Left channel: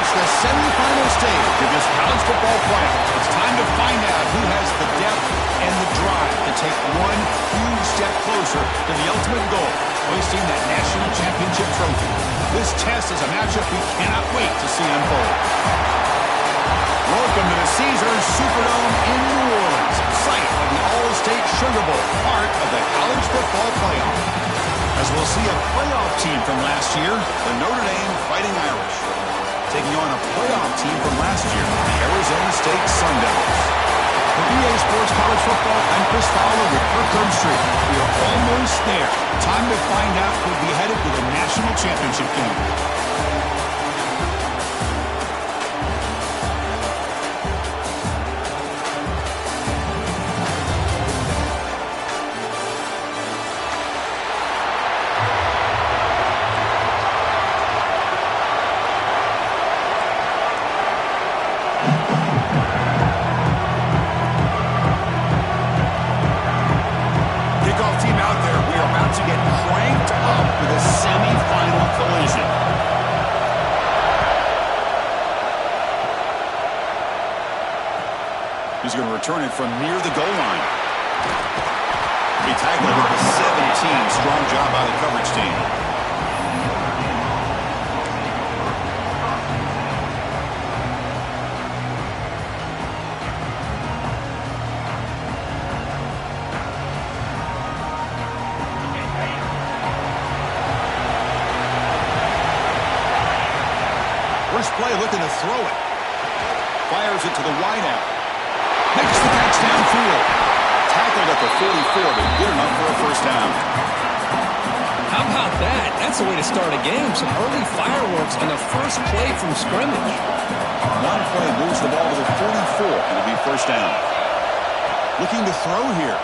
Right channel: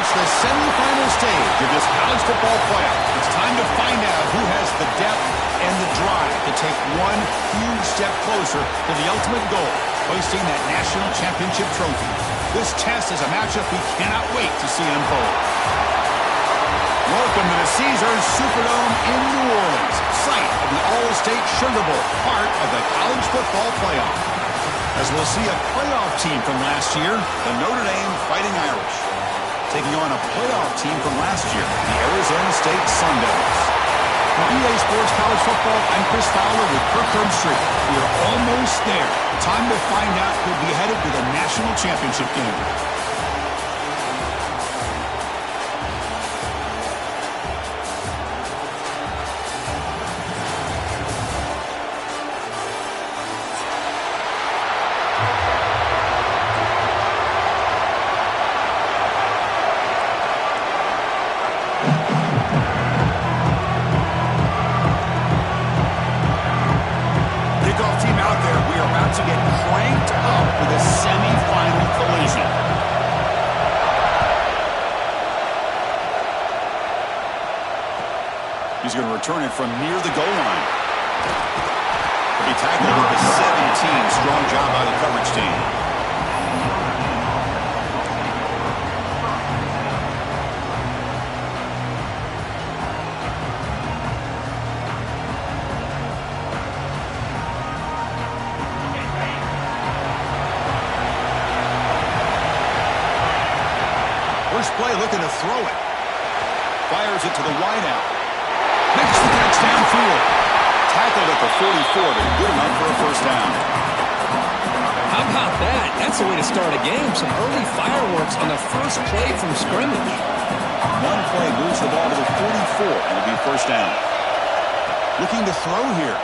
reached the semifinal stage of this college football playoff. It's time to find out who has the depth and the drive to take one huge step closer to the ultimate goal, hoisting that national championship trophy. This test is a matchup we cannot wait to see unfold. Welcome to the Caesars Superdome in New Orleans, site of the All-State Sugar Bowl, part of the college football playoff. As we'll see a playoff team from last year, the Notre Dame Fighting Irish, taking on a playoff team from last year, the Arizona State Sun Devils. For EA Sports College Football, I'm Chris Fowler with Kirk Herbstreit. We are almost there. Time to find out who'll be headed to the national championship game. To get cranked up with a semi-final collision. He's going to return it from near the goal line. He'll be tackled at the 17. Strong job by the coverage team. First play looking to throw it. Fires it to the wideout. Makes the catch downfield. Tackled at the 44, but good enough for a first down. How about that? That's the way to start a game. Some early fireworks on the first play from scrimmage. One play moves the ball to the 44, and it'll be first down. Looking to throw here.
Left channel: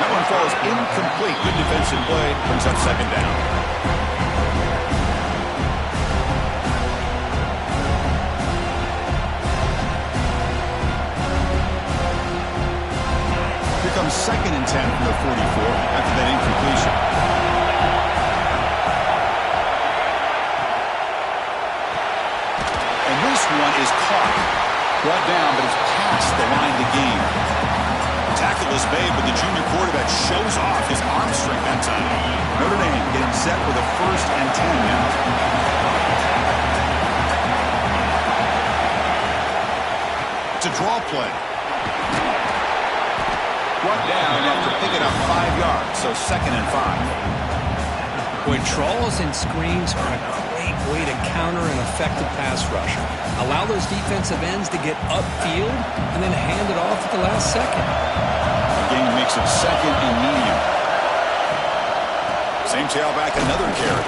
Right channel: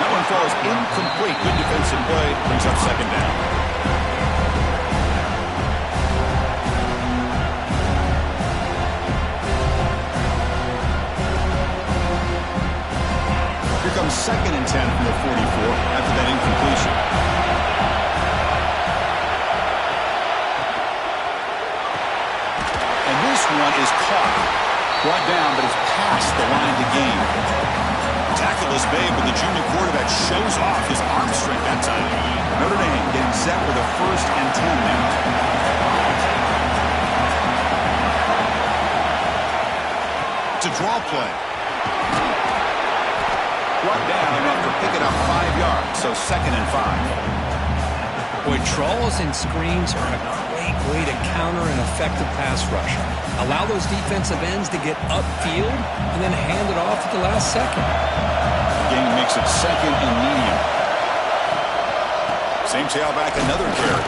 That one falls incomplete. Good defensive play. Brings up second down. Here comes 2nd and 10 from the 44 after that incompletion. And this one is caught. Brought down, but it's past the line to gain. Tackleless Babe, but the junior quarterback shows off his arm strength that time. Notre Dame getting set with a 1st and 10 now. It's a draw play. Brought down after picking up 5 yards, so 2nd and 5. Boy, draws and screens are a great way to counter an effective pass rush. Allow those defensive ends to get upfield and then hand it off at the last second. The game makes it 2nd and medium. Same tailback, another carry.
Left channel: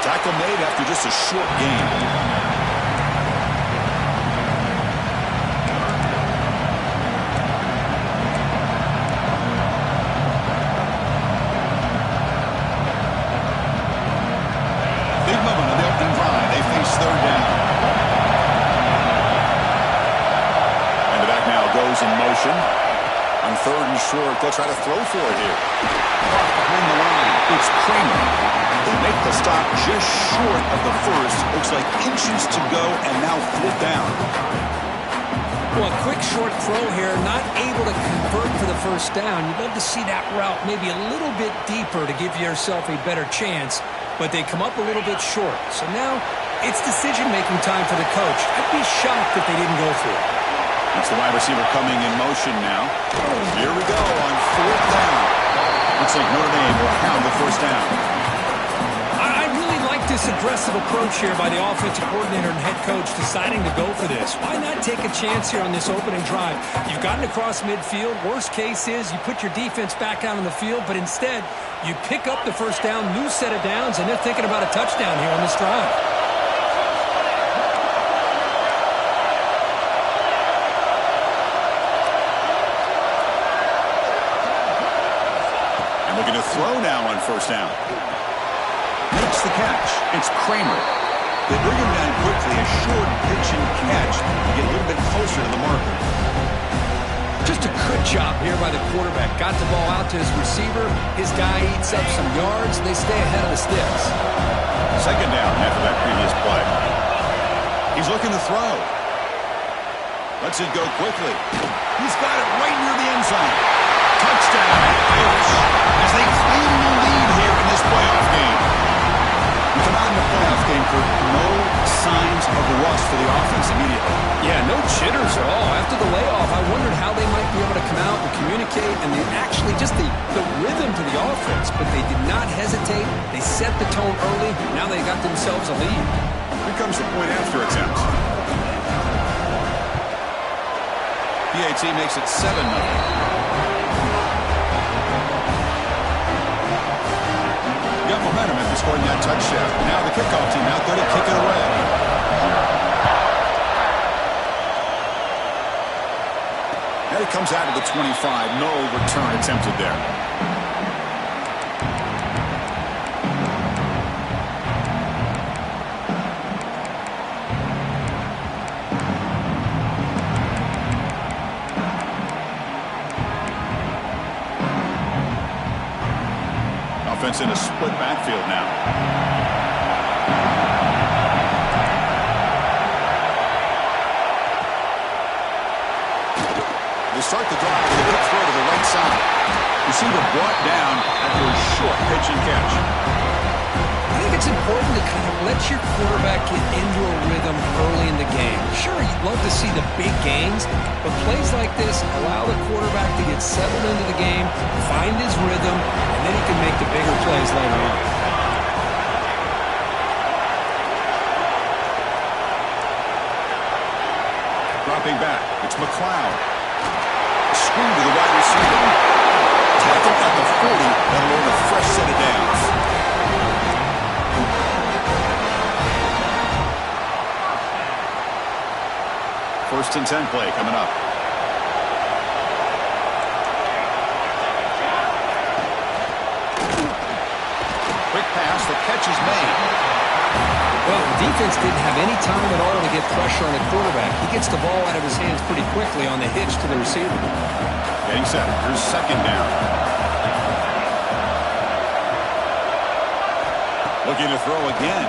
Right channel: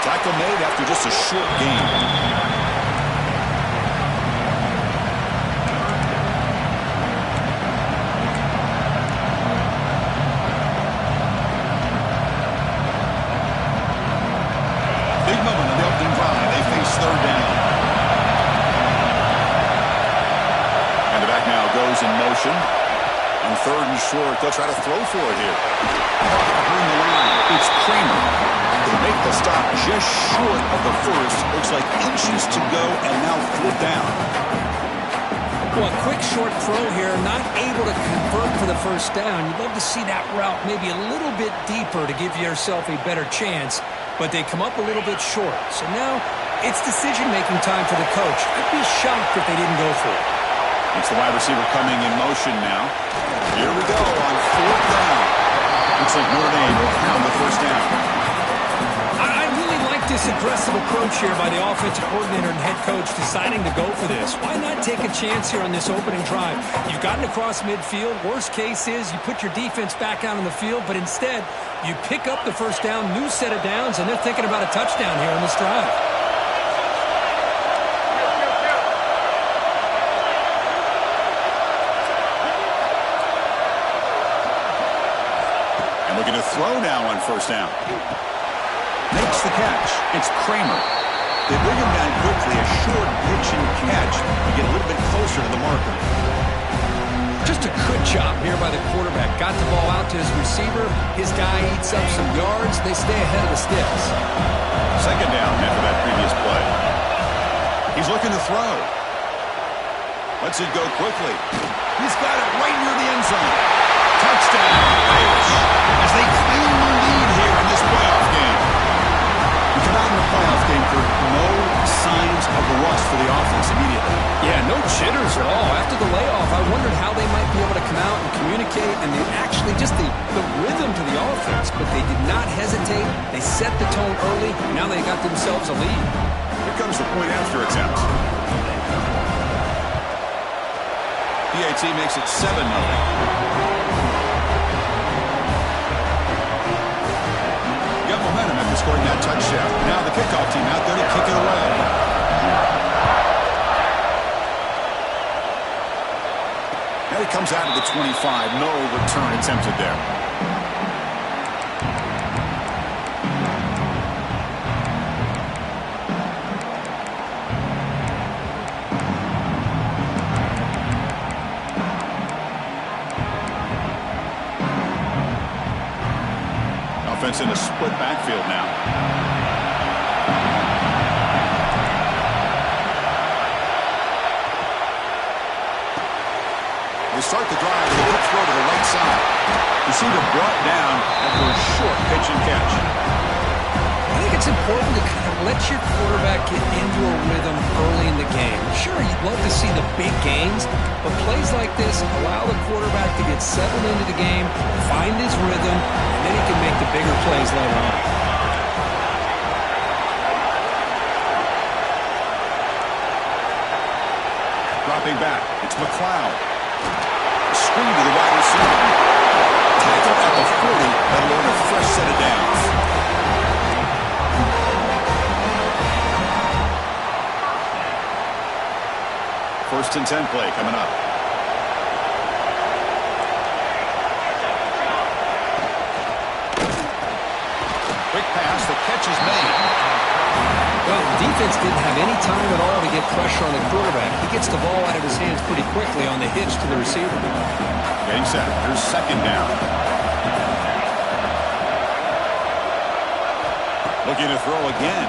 Tackle made after just a short gain. Third down. And the back now goes in motion. On 3rd and short, they'll try to throw for it here. Off behind the line, it's Kramer. They make the stop just short of the first. Looks like inches to go and now 4th down. Well, a quick short throw here, not able to convert for the first down. You'd love to see that route maybe a little bit deeper to give yourself a better chance, but they come up a little bit short. So now it's decision-making time for the coach. I'd be shocked if they didn't go for it. It's the wide receiver coming in motion now. Here we go on 4th down. Looks like Notre Dame will have the first down. I really like this aggressive approach here by the offensive coordinator and head coach deciding to go for this. Why not take a chance here on this opening drive? You've gotten across midfield. Worst case is you put your defense back out on the field, but instead you pick up the first down, new set of downs, and they're thinking about a touchdown here on this drive. Looking to throw now on first down. Makes the catch. It's Kramer. They bring him down quickly. A short pitch and catch to get a little bit closer to the marker. Just a good job here by the quarterback. Got the ball out to his receiver. His guy eats up some yards. They stay ahead of the sticks. Second down after that previous play. He's looking to throw. Lets it go quickly. He's got it right near the end zone. Touchdown, Irish, as they claim the lead here in this playoff game. We come out in the playoff game for no signs of rust for the offense immediately. Yeah, no jitters at all. After the layoff, I wondered how they might be able to come out and communicate, and actually just the rhythm to the offense. But they did not hesitate. They set the tone early. Now they got themselves a lead. Here comes the point after attempt. PAT makes it 7-0. Got momentum after scoring that touchdown. Now the kickoff team out there to kick it away. And it comes out of the 25. No return attempted there. Offense in a split backfield now. They start the drive with a good throw to the right side. Receiver brought down after a short pitch and catch. I think it's important to kind of let your quarterback get into a rhythm early in the game. Sure, you'd love to see the big gains, but plays like this allow the quarterback to get settled into the game, find his rhythm, and then he can make the bigger plays later on. Dropping back, it's McLeod. Screen to the wide receiver. Tackle at the 40. That'll earn a fresh set of downs. First and 10 play coming up. Quick pass, the catch is made. Well, the defense didn't have any time at all to get pressure on the quarterback. He gets the ball out of his hands pretty quickly on the hitch to the receiver. Getting set. Here's second down. Looking to throw again.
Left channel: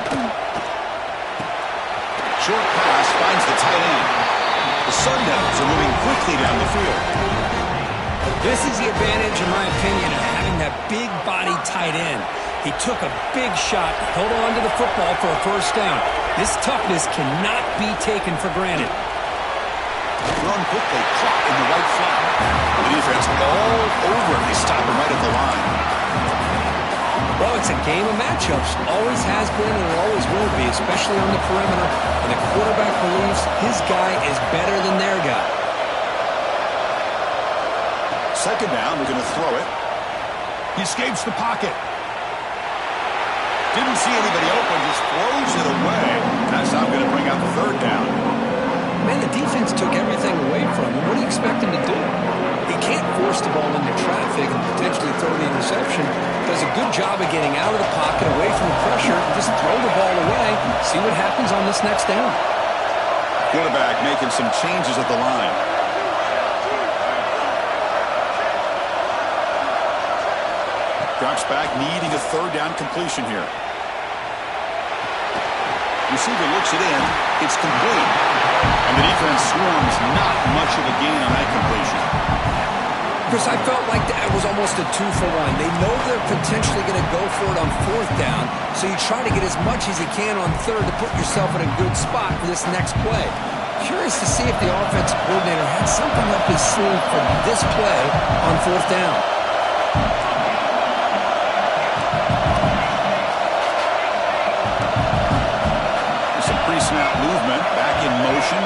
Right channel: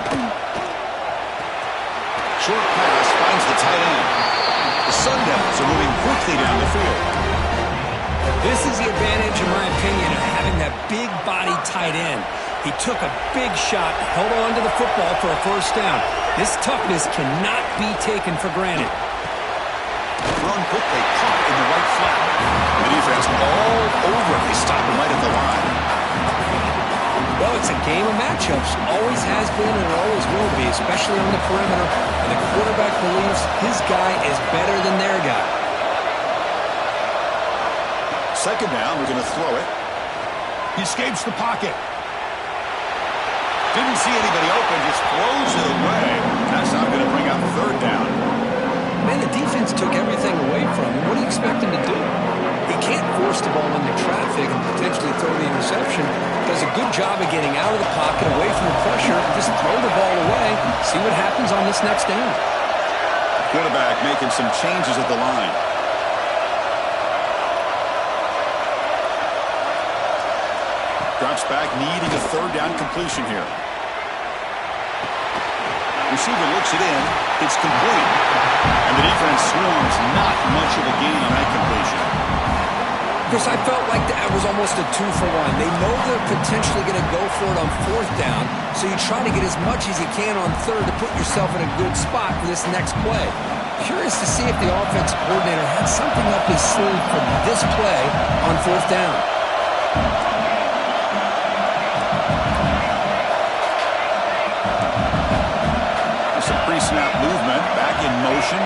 Short pass finds the tight end. The Sun Devils are moving quickly down the field. This is the advantage, in my opinion, of having that big body tight end. He took a big shot, held on to the football for a first down. This toughness cannot be taken for granted. Thrown quickly, caught in the right flat. The defense all over it. They stop him right at the line. Well, it's a game of matchups. Always has been and it always will be, especially on the perimeter. And the quarterback believes his guy is better than their guy. Second down, we're going to throw it. He escapes the pocket. Didn't see anybody open, just throws it away. That's now going to bring up third down. Man, the defense took everything away from him. What do you expect him to do? He can't force the ball into traffic and potentially throw the interception. Does a good job of getting out of the pocket, away from the pressure, and just throw the ball away. See what happens on this next down. Quarterback making some changes at the line. Drops back, needing a third down completion here. Receiver looks it in. It's complete. And the defense swarms. Not much of a gain on that completion. Chris, I felt like that was almost a 2-for-1. They know they're potentially going to go for it on fourth down, so you try to get as much as you can on third to put yourself in a good spot for this next play. Curious to see if the offensive coordinator had something up his sleeve for this play on fourth down. Some pre-snap movement, back in motion.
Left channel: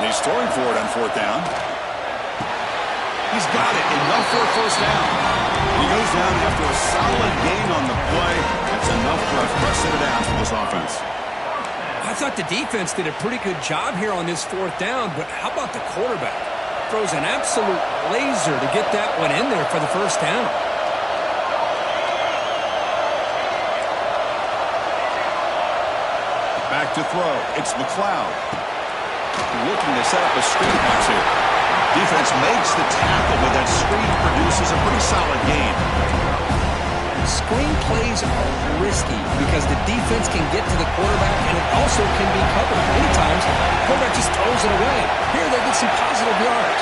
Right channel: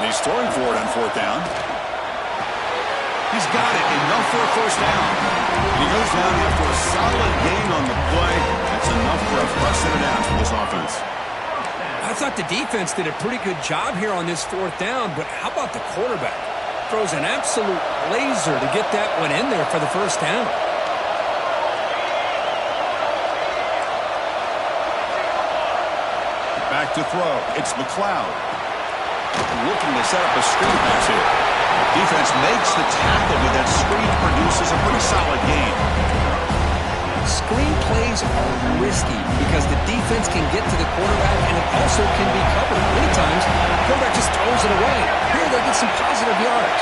And he's throwing for it on fourth down. He's got it, enough for a first down. And he goes down after a solid gain on the play. That's enough for a fresh set of downs for this offense. I thought the defense did a pretty good job here on this fourth down, but how about the quarterback? Throws an absolute laser to get that one in there for the first down. Back to throw. It's McLeod. Looking to set up a screen pass here. Defense makes the tackle, but that screen produces a pretty solid gain. Screen plays are risky because the defense can get to the quarterback, and it also can be covered. Many times, the quarterback just throws it away. Here, they get some positive yards.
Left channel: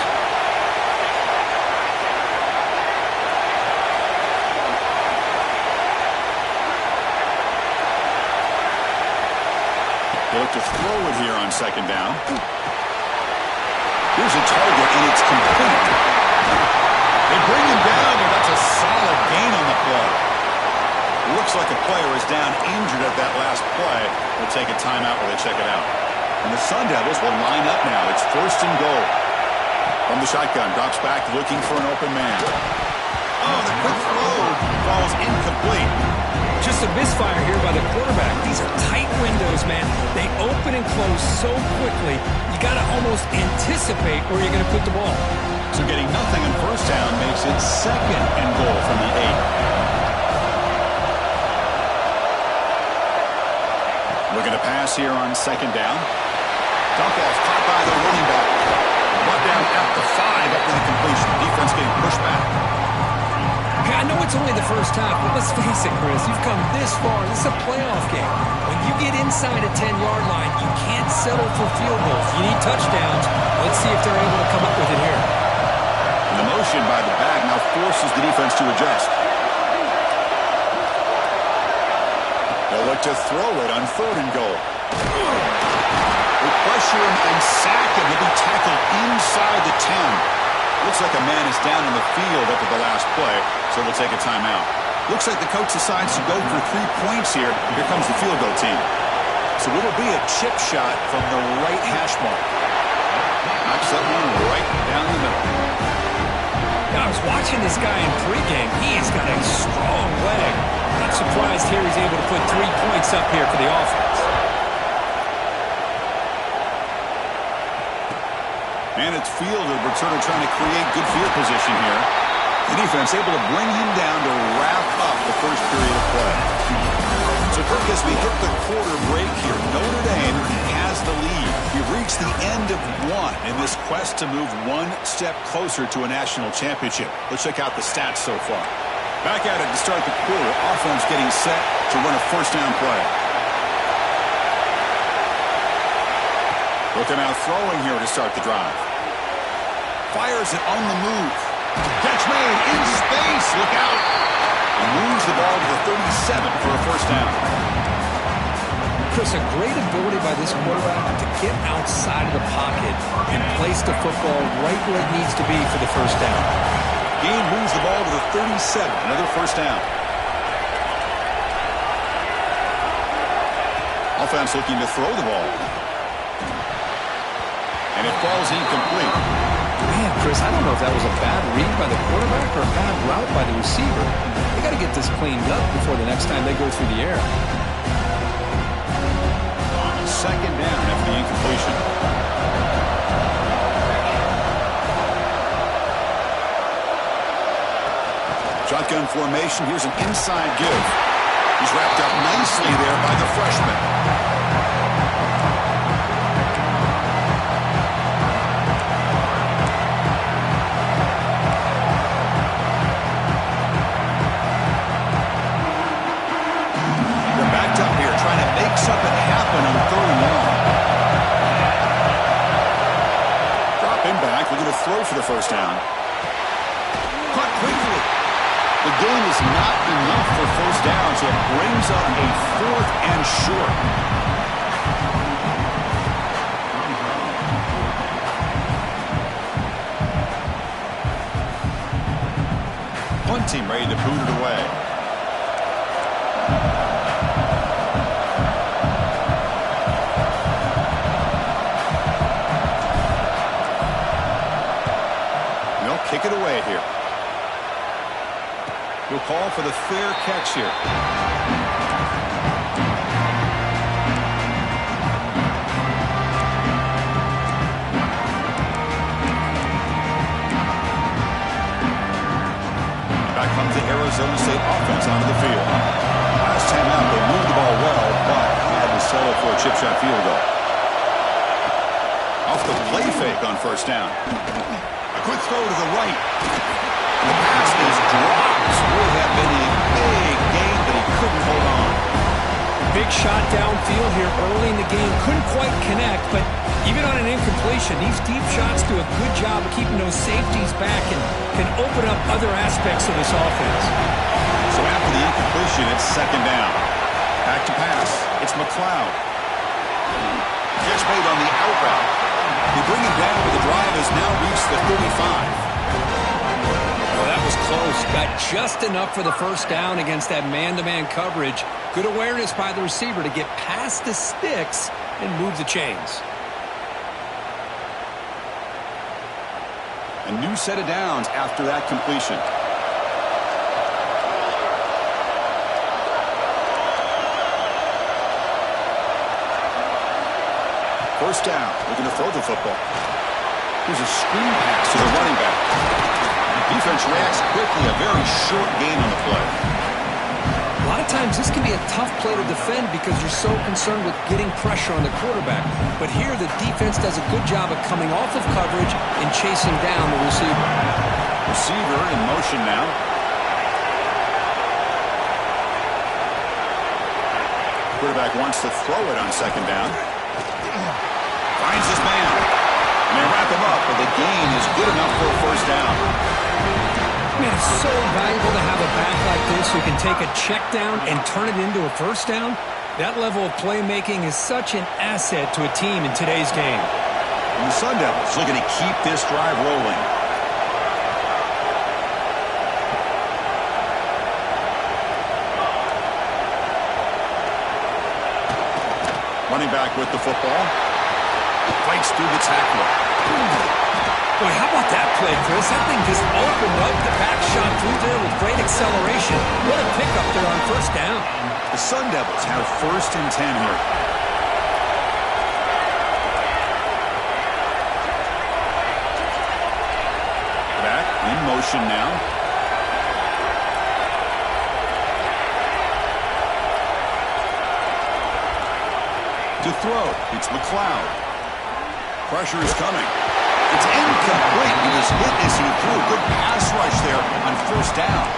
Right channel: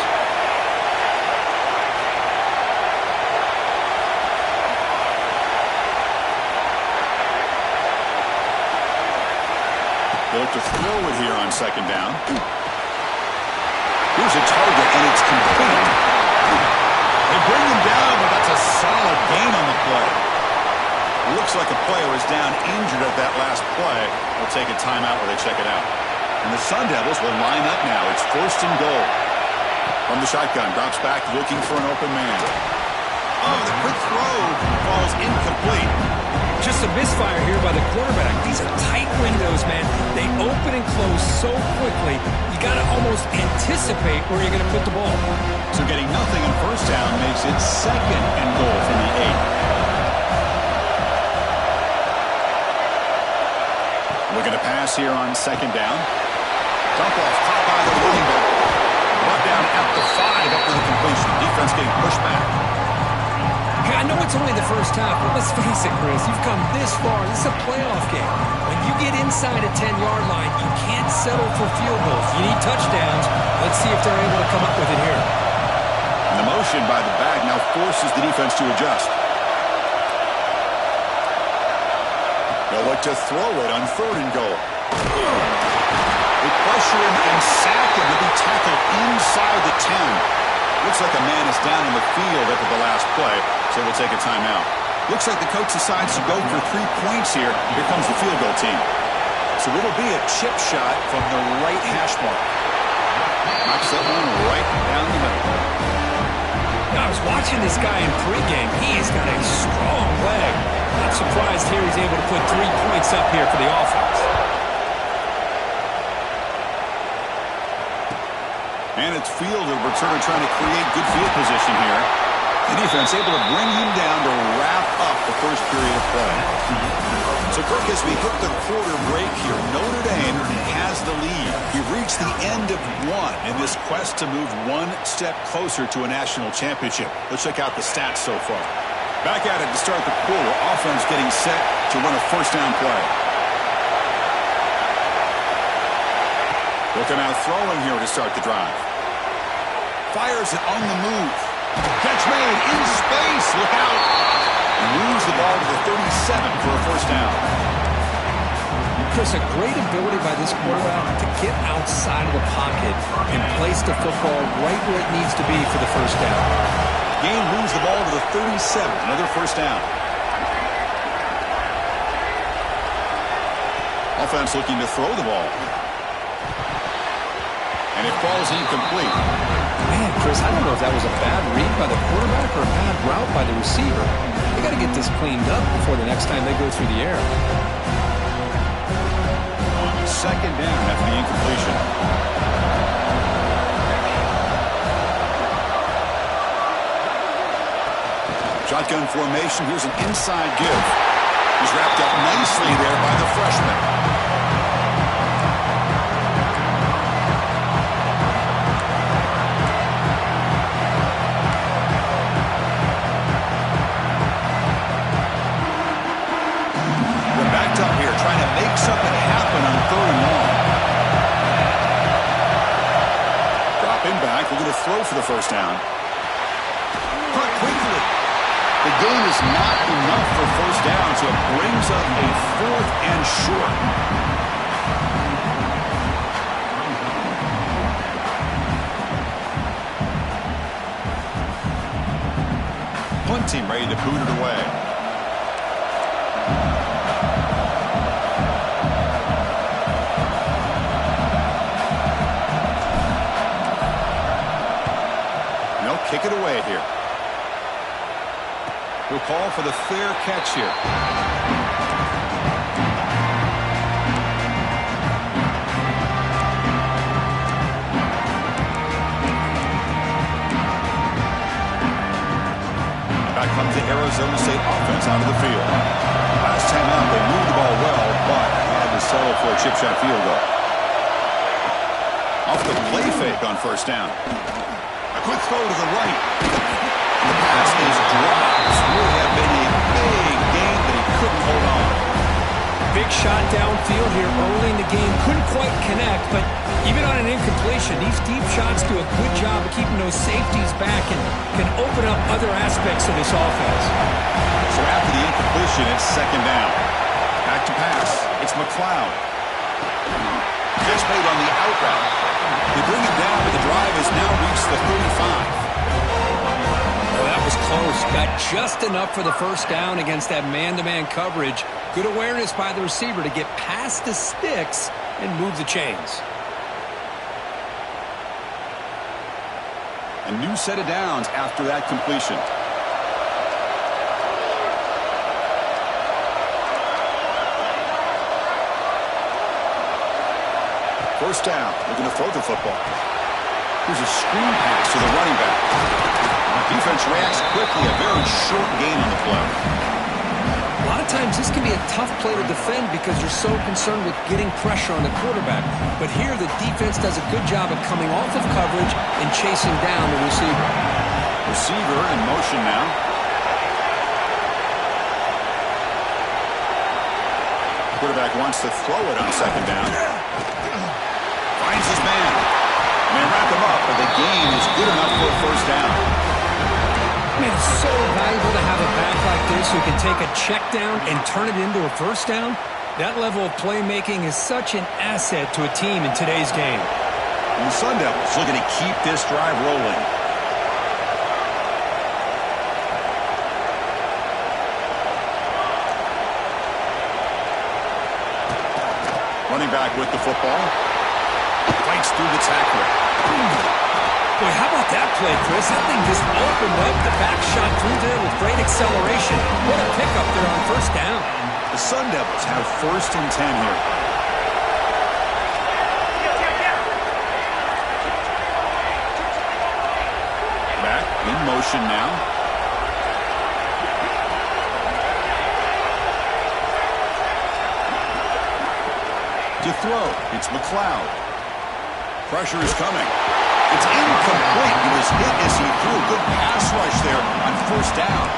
They look to throw it here on second down. Here's a target, and it's complete. They bring him down, but that's a solid gain on the play. Looks like a player is down injured at that last play. We'll take a timeout where they check it out. And the Sun Devils will line up now. It's 1st and goal. From the shotgun, drops back looking for an open man. Oh, the quick throw falls incomplete. Just a misfire here by the quarterback. These are tight windows, man. They open and close so quickly, you got to almost anticipate where you're going to put the ball. So getting nothing on first down makes it 2nd and goal from the 8. Looking to pass here on second down. Dump off caught by the running back. Brought down at the 5 after the completion. Defense getting pushed back. I know it's only the first half, but let's face it, Chris. You've come this far. This is a playoff game. When you get inside a 10-yard line, you can't settle for field goals. You need touchdowns. Let's see if they're able to come up with it here. And the motion by the back now forces the defense to adjust. They'll look to throw it on 3rd and goal. They pressure him and sack him. He'll be tackled inside the 10. Looks like a man is down in the field after the last play, so we'll take a timeout. Looks like the coach decides to go for 3 points here. Here comes the field goal team. So it'll be a chip shot from the right hash mark. Knocks that one right down the middle. Yeah, I was watching this guy in pregame. He's got a strong leg. Not surprised here he's able to put 3 points up here for the offense. And it's fielded. Returner trying to create good field position here. The defense able to bring him down to wrap up the first period of play. So, Kirk, as we hit the quarter break here, Notre Dame has the lead. We've reached the end of one in this quest to move one step closer to a national championship. Let's check out the stats so far. Back at it to start the quarter. Offense getting set to run a first down play. Looking out throwing here to start the drive. Fires it on the move. Catch made in space. Look out. And moves the ball to the 37 for a first down. Chris, a great ability by this quarterback to get outside of the pocket and place the football right where it needs to be for the first down. Gain moves the ball to the 37. Another first down. Offense looking to throw the ball. And it falls incomplete. Man, Chris, I don't know if that was a bad read by the quarterback or a bad route by the receiver. They got to get this cleaned up before the next time they go through the air. Second down after the incompletion. Shotgun formation. Here's an inside give. He's wrapped up nicely there by the freshman. Up here trying to make something happen on 3rd and long. Dropping back, looking to throw for the first down. Caught quickly. The gain is not enough for first down, so it brings up a 4th and short. Punt team ready to boot it away. Kick it away here. He'll call for the fair catch here. Back comes the Arizona State offense out of the field. Last time out, they moved the ball well, but had to settle for a chip shot field goal. Off the play fake on first down. A quick throw to the right. The pass is dropped. Would have been a big gain, but he couldn't hold on. Big shot downfield here early in the game. Couldn't quite connect, but even on an incompletion, these deep shots do a good job of keeping those safeties back and can open up other aspects of this offense. So after the incompletion, it's second down. Back to pass. It's McLeod. Catch made on the out route. They bring him down, but the drive has now reached the 35. Oh, that was close. Got just enough for the first down against that man-to-man coverage. Good awareness by the receiver to get past the sticks and move the chains. A new set of downs after that completion. First down, looking to throw the football. Here's a screen pass to the running back. The defense reacts quickly, a very short gain on the play. A lot of times this can be a tough play to defend because you're so concerned with getting pressure on the quarterback. But here the defense does a good job of coming off of coverage and chasing down the receiver. Receiver in motion now. Quarterback wants to throw it on second down. Finds his man. May wrap him up, but the gain is good enough for a first down. Man, it's so valuable to have a back like this who can take a check down and turn it into a first down. That level of playmaking is such an asset to a team in today's game. And the Sun Devils looking to keep this drive rolling. Running back with the football. Fights through the tackler. Boy, how about that play, Chris? That thing just opened up. The back shot through there with great acceleration. What a pickup there on first down. The Sun Devils have first and 10 here. Back in motion now. To throw, it's McLeod. Pressure is coming. It's incomplete. He was hit as he threw. Good pass rush there on first down.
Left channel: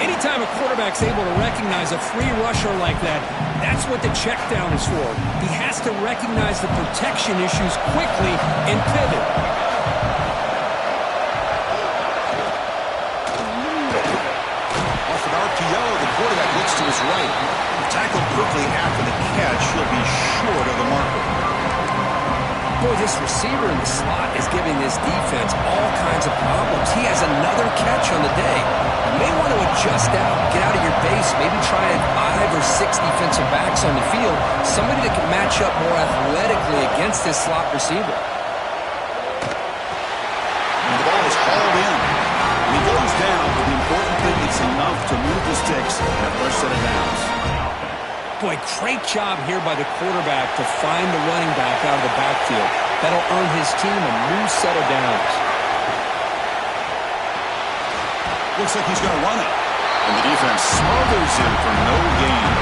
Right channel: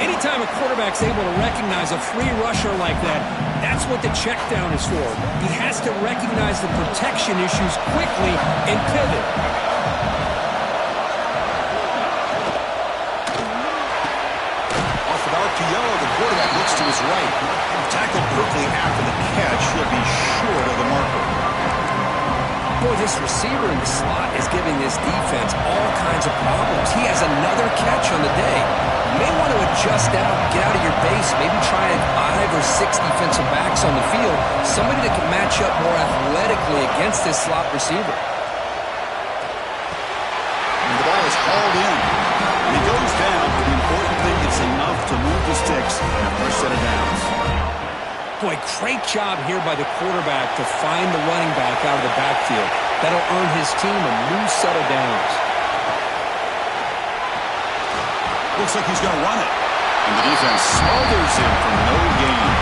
Anytime a quarterback's able to recognize a free rusher like that, that's what the check down is for. He has to recognize the protection issues quickly and pivot. Off an RPO, the quarterback looks to his right. Tackled quickly after the catch. He'll be short of the marker. Boy, this receiver in the slot is giving this defense all kinds of problems. He has another catch on the day. You may want to adjust out, get out of your base, maybe try 5 or 6 defensive backs on the field, somebody that can match up more athletically against this slot receiver. And the ball is hauled in. And he goes down, but the important thing is enough to move the sticks and a fresh set of downs. Boy, great job here by the quarterback to find the running back out of the backfield. That'll earn his team a new set of downs. Looks like he's going to run it. And the defense smothers him for no gain.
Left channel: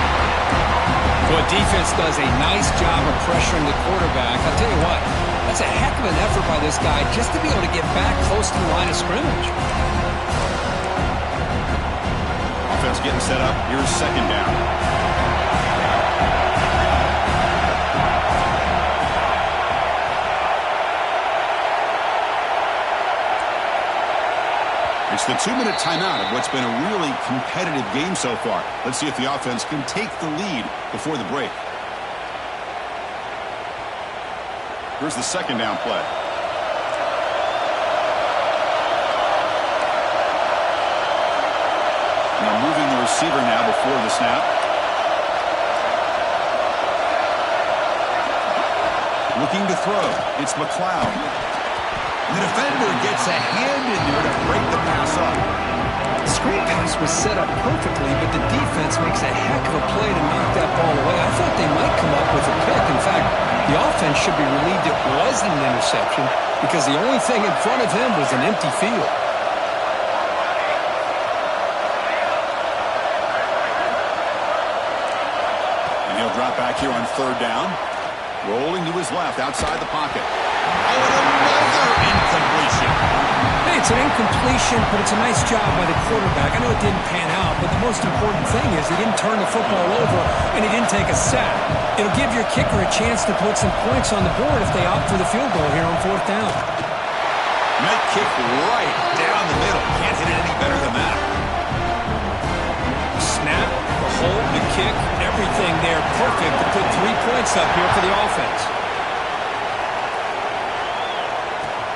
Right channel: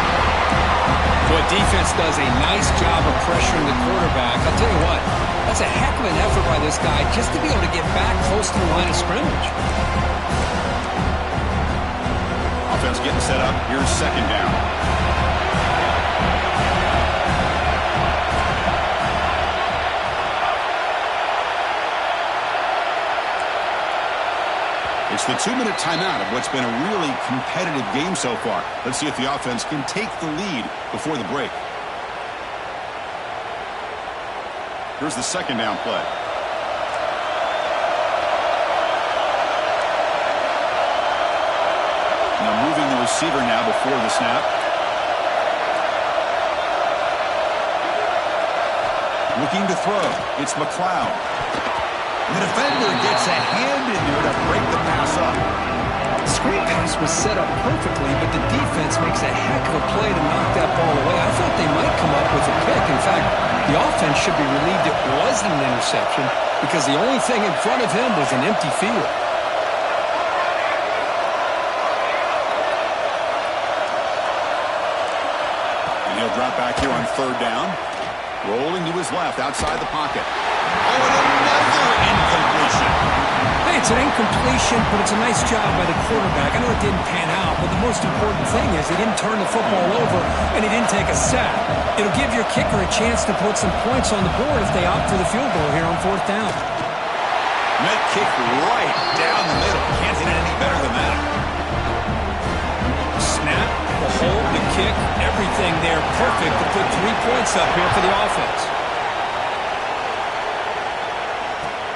Boy, defense does a nice job of pressuring the quarterback. I'll tell you what, that's a heck of an effort by this guy just to be able to get back close to the line of scrimmage. Offense getting set up. Here's second down. It's the 2-minute timeout of what's been a really competitive game so far. Let's see if the offense can take the lead before the break. Here's the second down play. Now moving the receiver now before the snap. Looking to throw. It's McLeod. The defender gets a hand in there to break the pass up. The screen pass was set up perfectly, but the defense makes a heck of a play to knock that ball away. I thought they might come up with a pick. In fact, the offense should be relieved it wasn't an interception because the only thing in front of him was an empty field. And he'll drop back here on third down. Rolling to his left outside the pocket. Oh, and another incompletion. Hey, it's an incompletion, but it's a nice job by the quarterback. I know it didn't pan out, but the most important thing is he didn't turn the football over and he didn't take a sack. It'll give your kicker a chance to put some points on the board if they opt for the field goal here on 4th down. That kick right down the middle. Can't hit it any better than that. Snap, the hold, the kick, everything there perfect to put 3 points up here for the offense.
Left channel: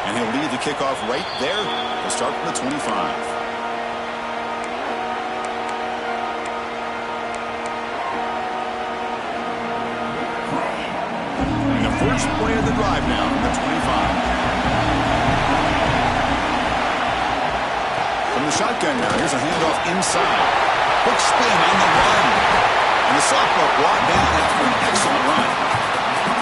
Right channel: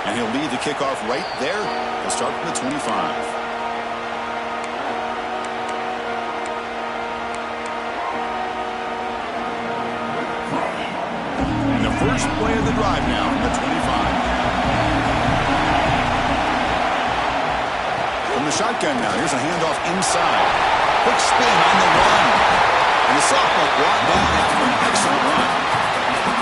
And he'll lead the kickoff right there. He'll start from the 25. And the first play of the drive now from the 25. From the shotgun now, here's a handoff inside. Quick spin on the run. And the sophomore brought down after an excellent run.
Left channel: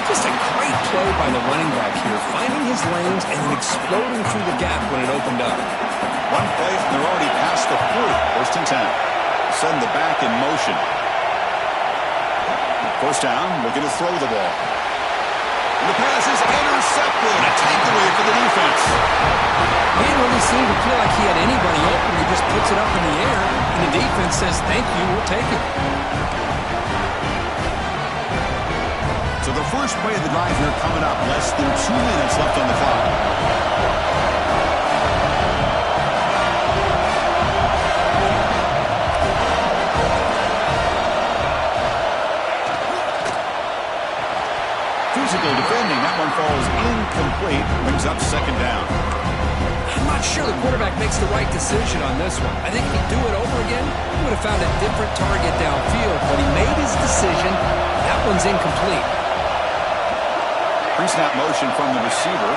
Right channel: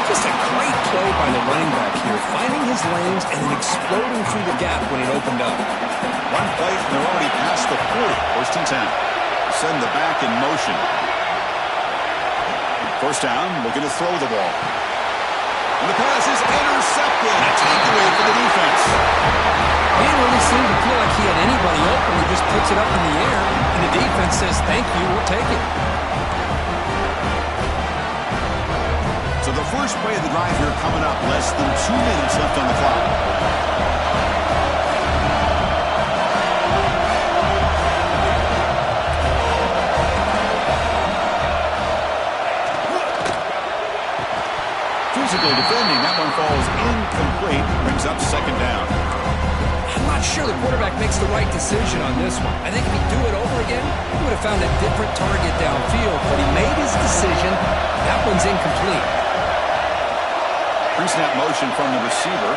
Just a great play by the running back here, finding his lanes and then exploding through the gap when it opened up. One play, and they're already past the 40. 1st and 10. Send the back in motion. 1st down, looking to throw the ball. And the pass is intercepted. A takeaway for the defense. He didn't really seem to feel like he had anybody open. He just puts it up in the air, and the defense says, thank you, we'll take it. So the first play of the drive here coming up. Less than 2 minutes left on the clock. Physical defending. That one falls incomplete. Brings up 2nd down. I'm not sure the quarterback makes the right decision on this one. I think if he'd do it over again, he would have found a different target downfield. But he made his decision. That one's incomplete. Pre-snap motion from the receiver.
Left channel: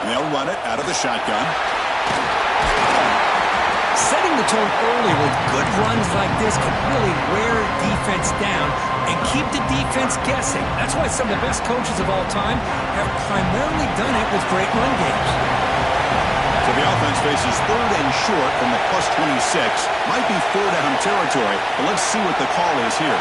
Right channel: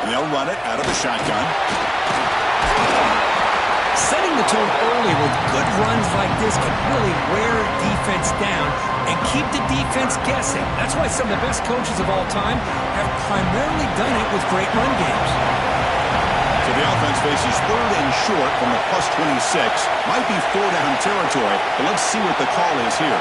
And they'll run it out of the shotgun. Setting the tone early with good runs like this can really wear defense down and keep the defense guessing. That's why some of the best coaches of all time have primarily done it with great run games. So the offense faces 3rd and short from the plus 26. Might be 4-down territory, but let's see what the call is here.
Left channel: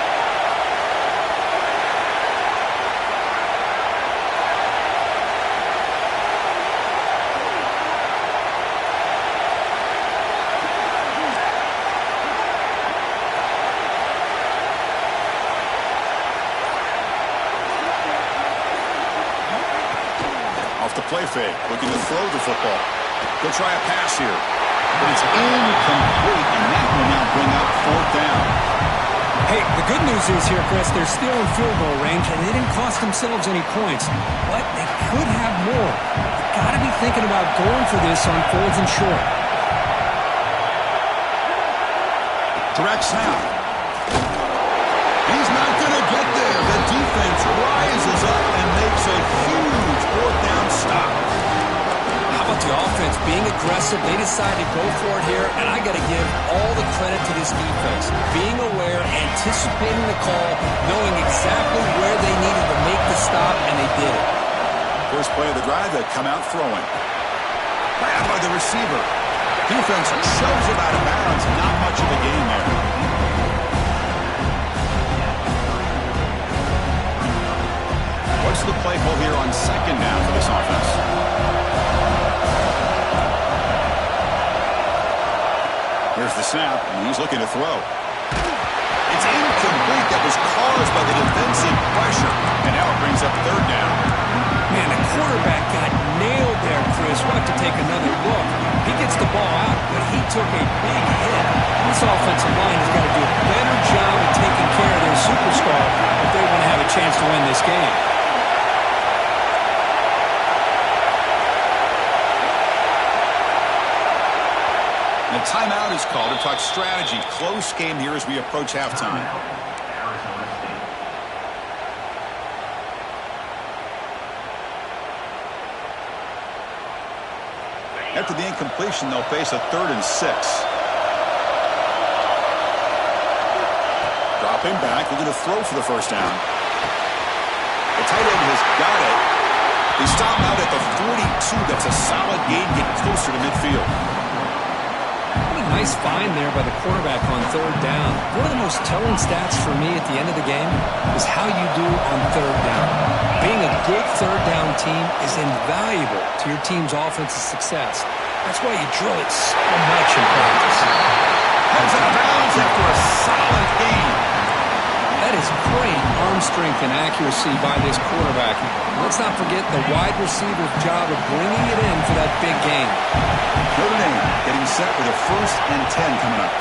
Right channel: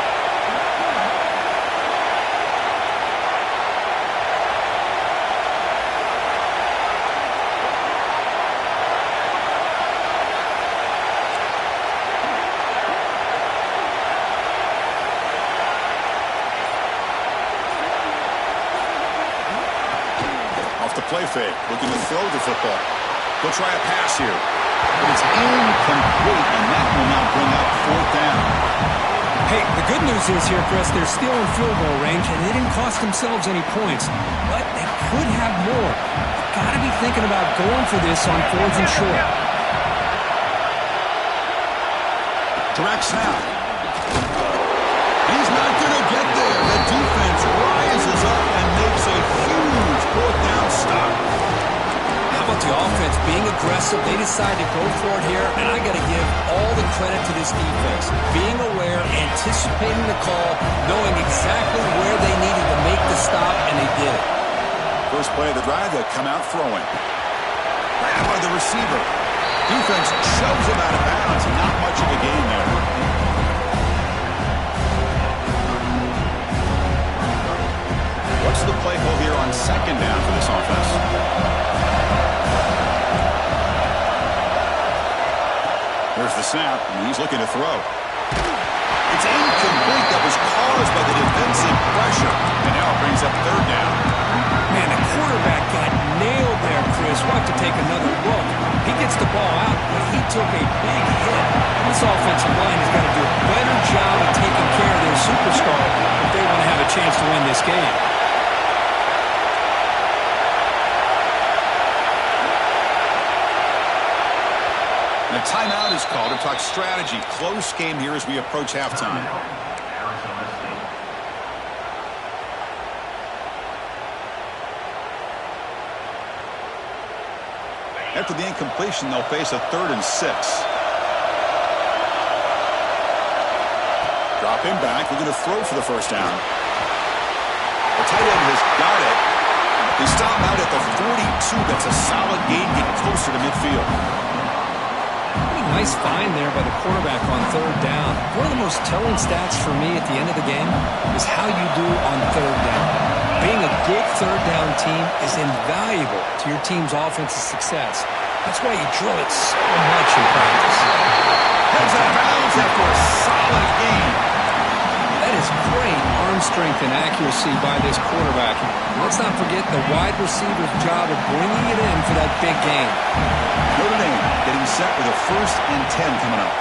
Off the play fake, looking to throw the football. He'll try a pass here, but it's incomplete, and that will now bring up 4th down. Hey, the good news is here, Chris, they're still in field goal range, and they didn't cost themselves any points, but they could have more. You've got to be thinking about going for this on 4th and short. Direct snap. He's not going to get there. The defense rises up and makes a huge 4th down stop. How about the offense being aggressive? They decide to go for it here, and I got to give all the credit to this defense. Being aware, anticipating the call, knowing exactly where they needed to make the stop, and they did it. First play of the drive, they'll come out throwing. Grab by the receiver. Defense shoves him out of bounds. Not much of a gain there. What's the play call here on 2nd down for this offense? Here's the snap, and he's looking to throw. It's incomplete. That was caused by the defensive pressure. And now it brings up 3rd down. Man, the quarterback got nailed there, Chris. We'll have to take another look. He gets the ball out, but he took a big hit. This offensive line has got to do a better job of taking care of their superstar if they want to have a chance to win this game. And a timeout is called to talk strategy. Close game here as we approach halftime. After the incompletion, they'll face a 3rd and 6. Dropping back, looking to throw for the 1st down. The tight end has got it. They stop out at the 42. That's a solid gain, get closer to midfield. Nice find there by the quarterback on third down. One of the most telling stats for me at the end of the game is how you do on third down. Being a good third down team is invaluable to your team's offensive success. That's why you drill it so much in practice. Heads out of bounds after a solid gain. That is great arm strength and accuracy by this quarterback. Let's not forget the wide receiver's job of bringing it in for that big gain. Notre Dame getting set with a 1st and 10 coming up.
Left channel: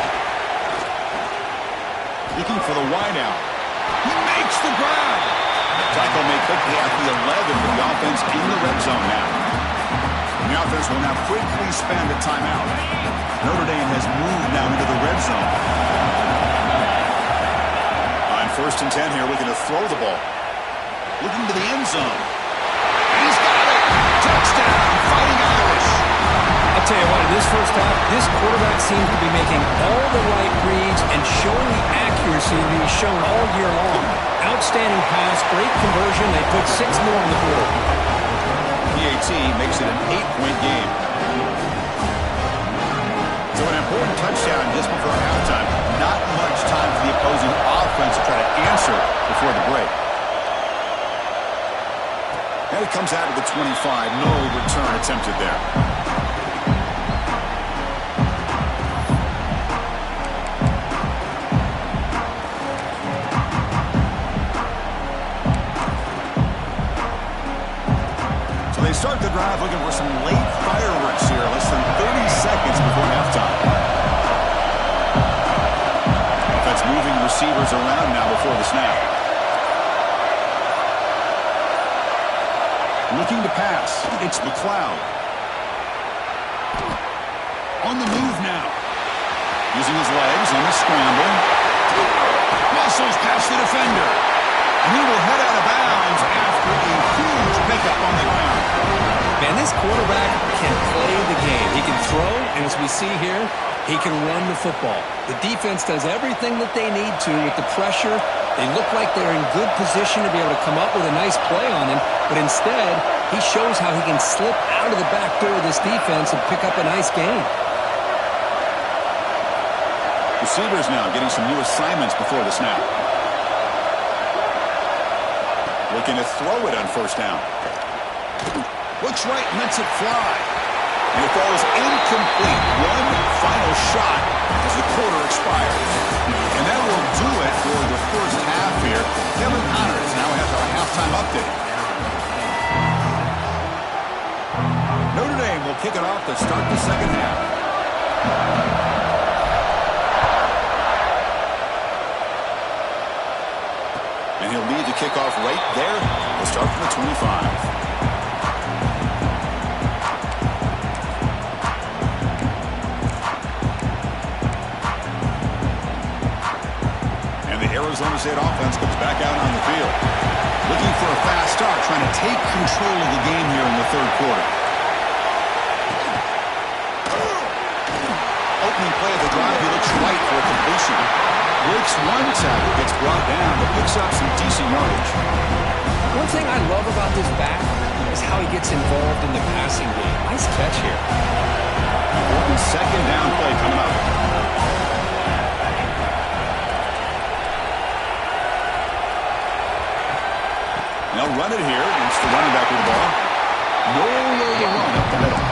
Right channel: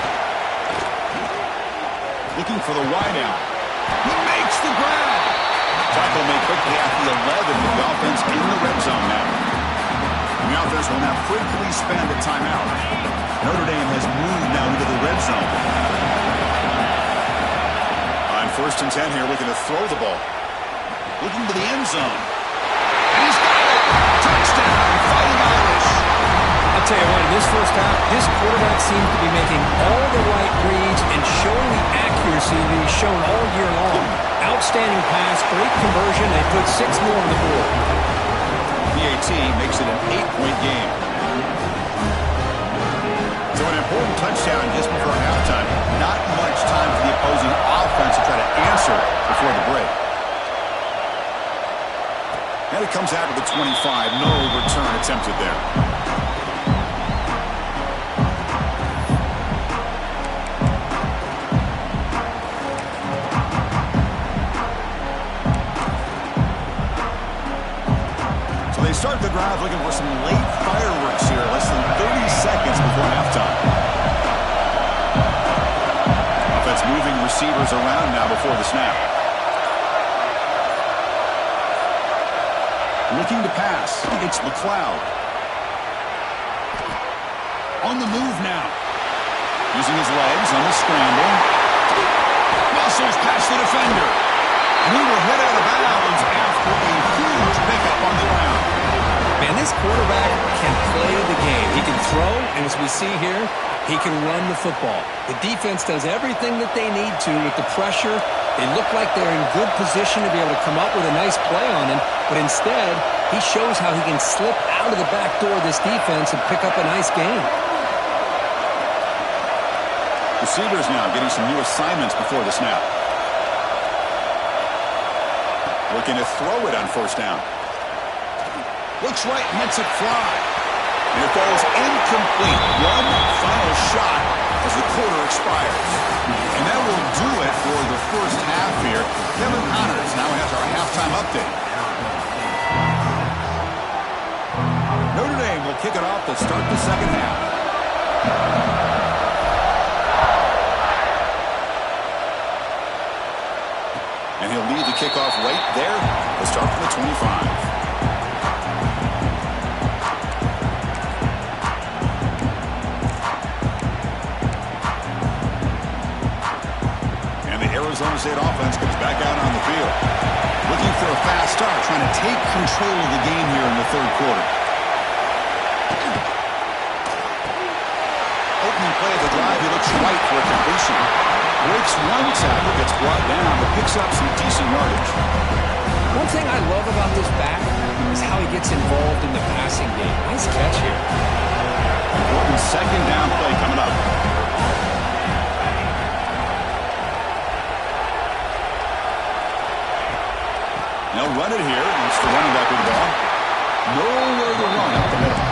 Looking for the wideout. He makes the grab. Tackle made quickly at the 11 with the offense in the red zone now. And the offense will now quickly spend a timeout. Notre Dame has moved now into the red zone. On 1st and 10 here, looking to throw the ball. Looking to the end zone. And he's got it. Touchdown, Fighting Irish. I'll tell you what, in this first half, this quarterback seems to be making all the right reads and showing the accuracy that he's shown all year long. Outstanding pass, great conversion. They put 6 more on the board. PAT makes it an 8-point game. So an important touchdown just before halftime. Not much time for the opposing offense to try to answer before the break. And it comes out to the 25. No return attempted there. So they start the drive looking for some late fireworks here. Less than 30 seconds before halftime. Offense moving receivers around now before the snap. Looking to pass. It's McLeod. On the move now. Using his legs on the scramble. Muscles past the defender. And he will head out of bounds after a huge pickup on the ground. Man, this quarterback can play the game. He can throw, and as we see here, he can run the football. The defense does everything that they need to with the pressure. They look like they're in good position to be able to come up with a nice play on him, but instead, he shows how he can slip out of the back door of this defense and pick up a nice gain. Receivers now getting some new assignments before the snap. Looking to throw it on 1st down. Looks right and lets it fly. And it falls incomplete. One final shot as the quarter expires. And that will do it for the first half here. Kevin Connors now has our halftime update. Notre Dame will kick it off to start the second half. And he'll lead the kickoff right there. We'll start from the 25. Arizona State offense comes back out on the field. Looking for a fast start, trying to take control of the game here in the 3rd quarter. Opening play of the drive, he looks right for a completion. Breaks one tackle, gets brought down, but picks up some decent yardage. One thing I love about this back is how he gets involved in the passing game. Nice catch here. Important 2nd down play coming up. They'll run it here. It's the running back with the ball. Nowhere to run up the middle.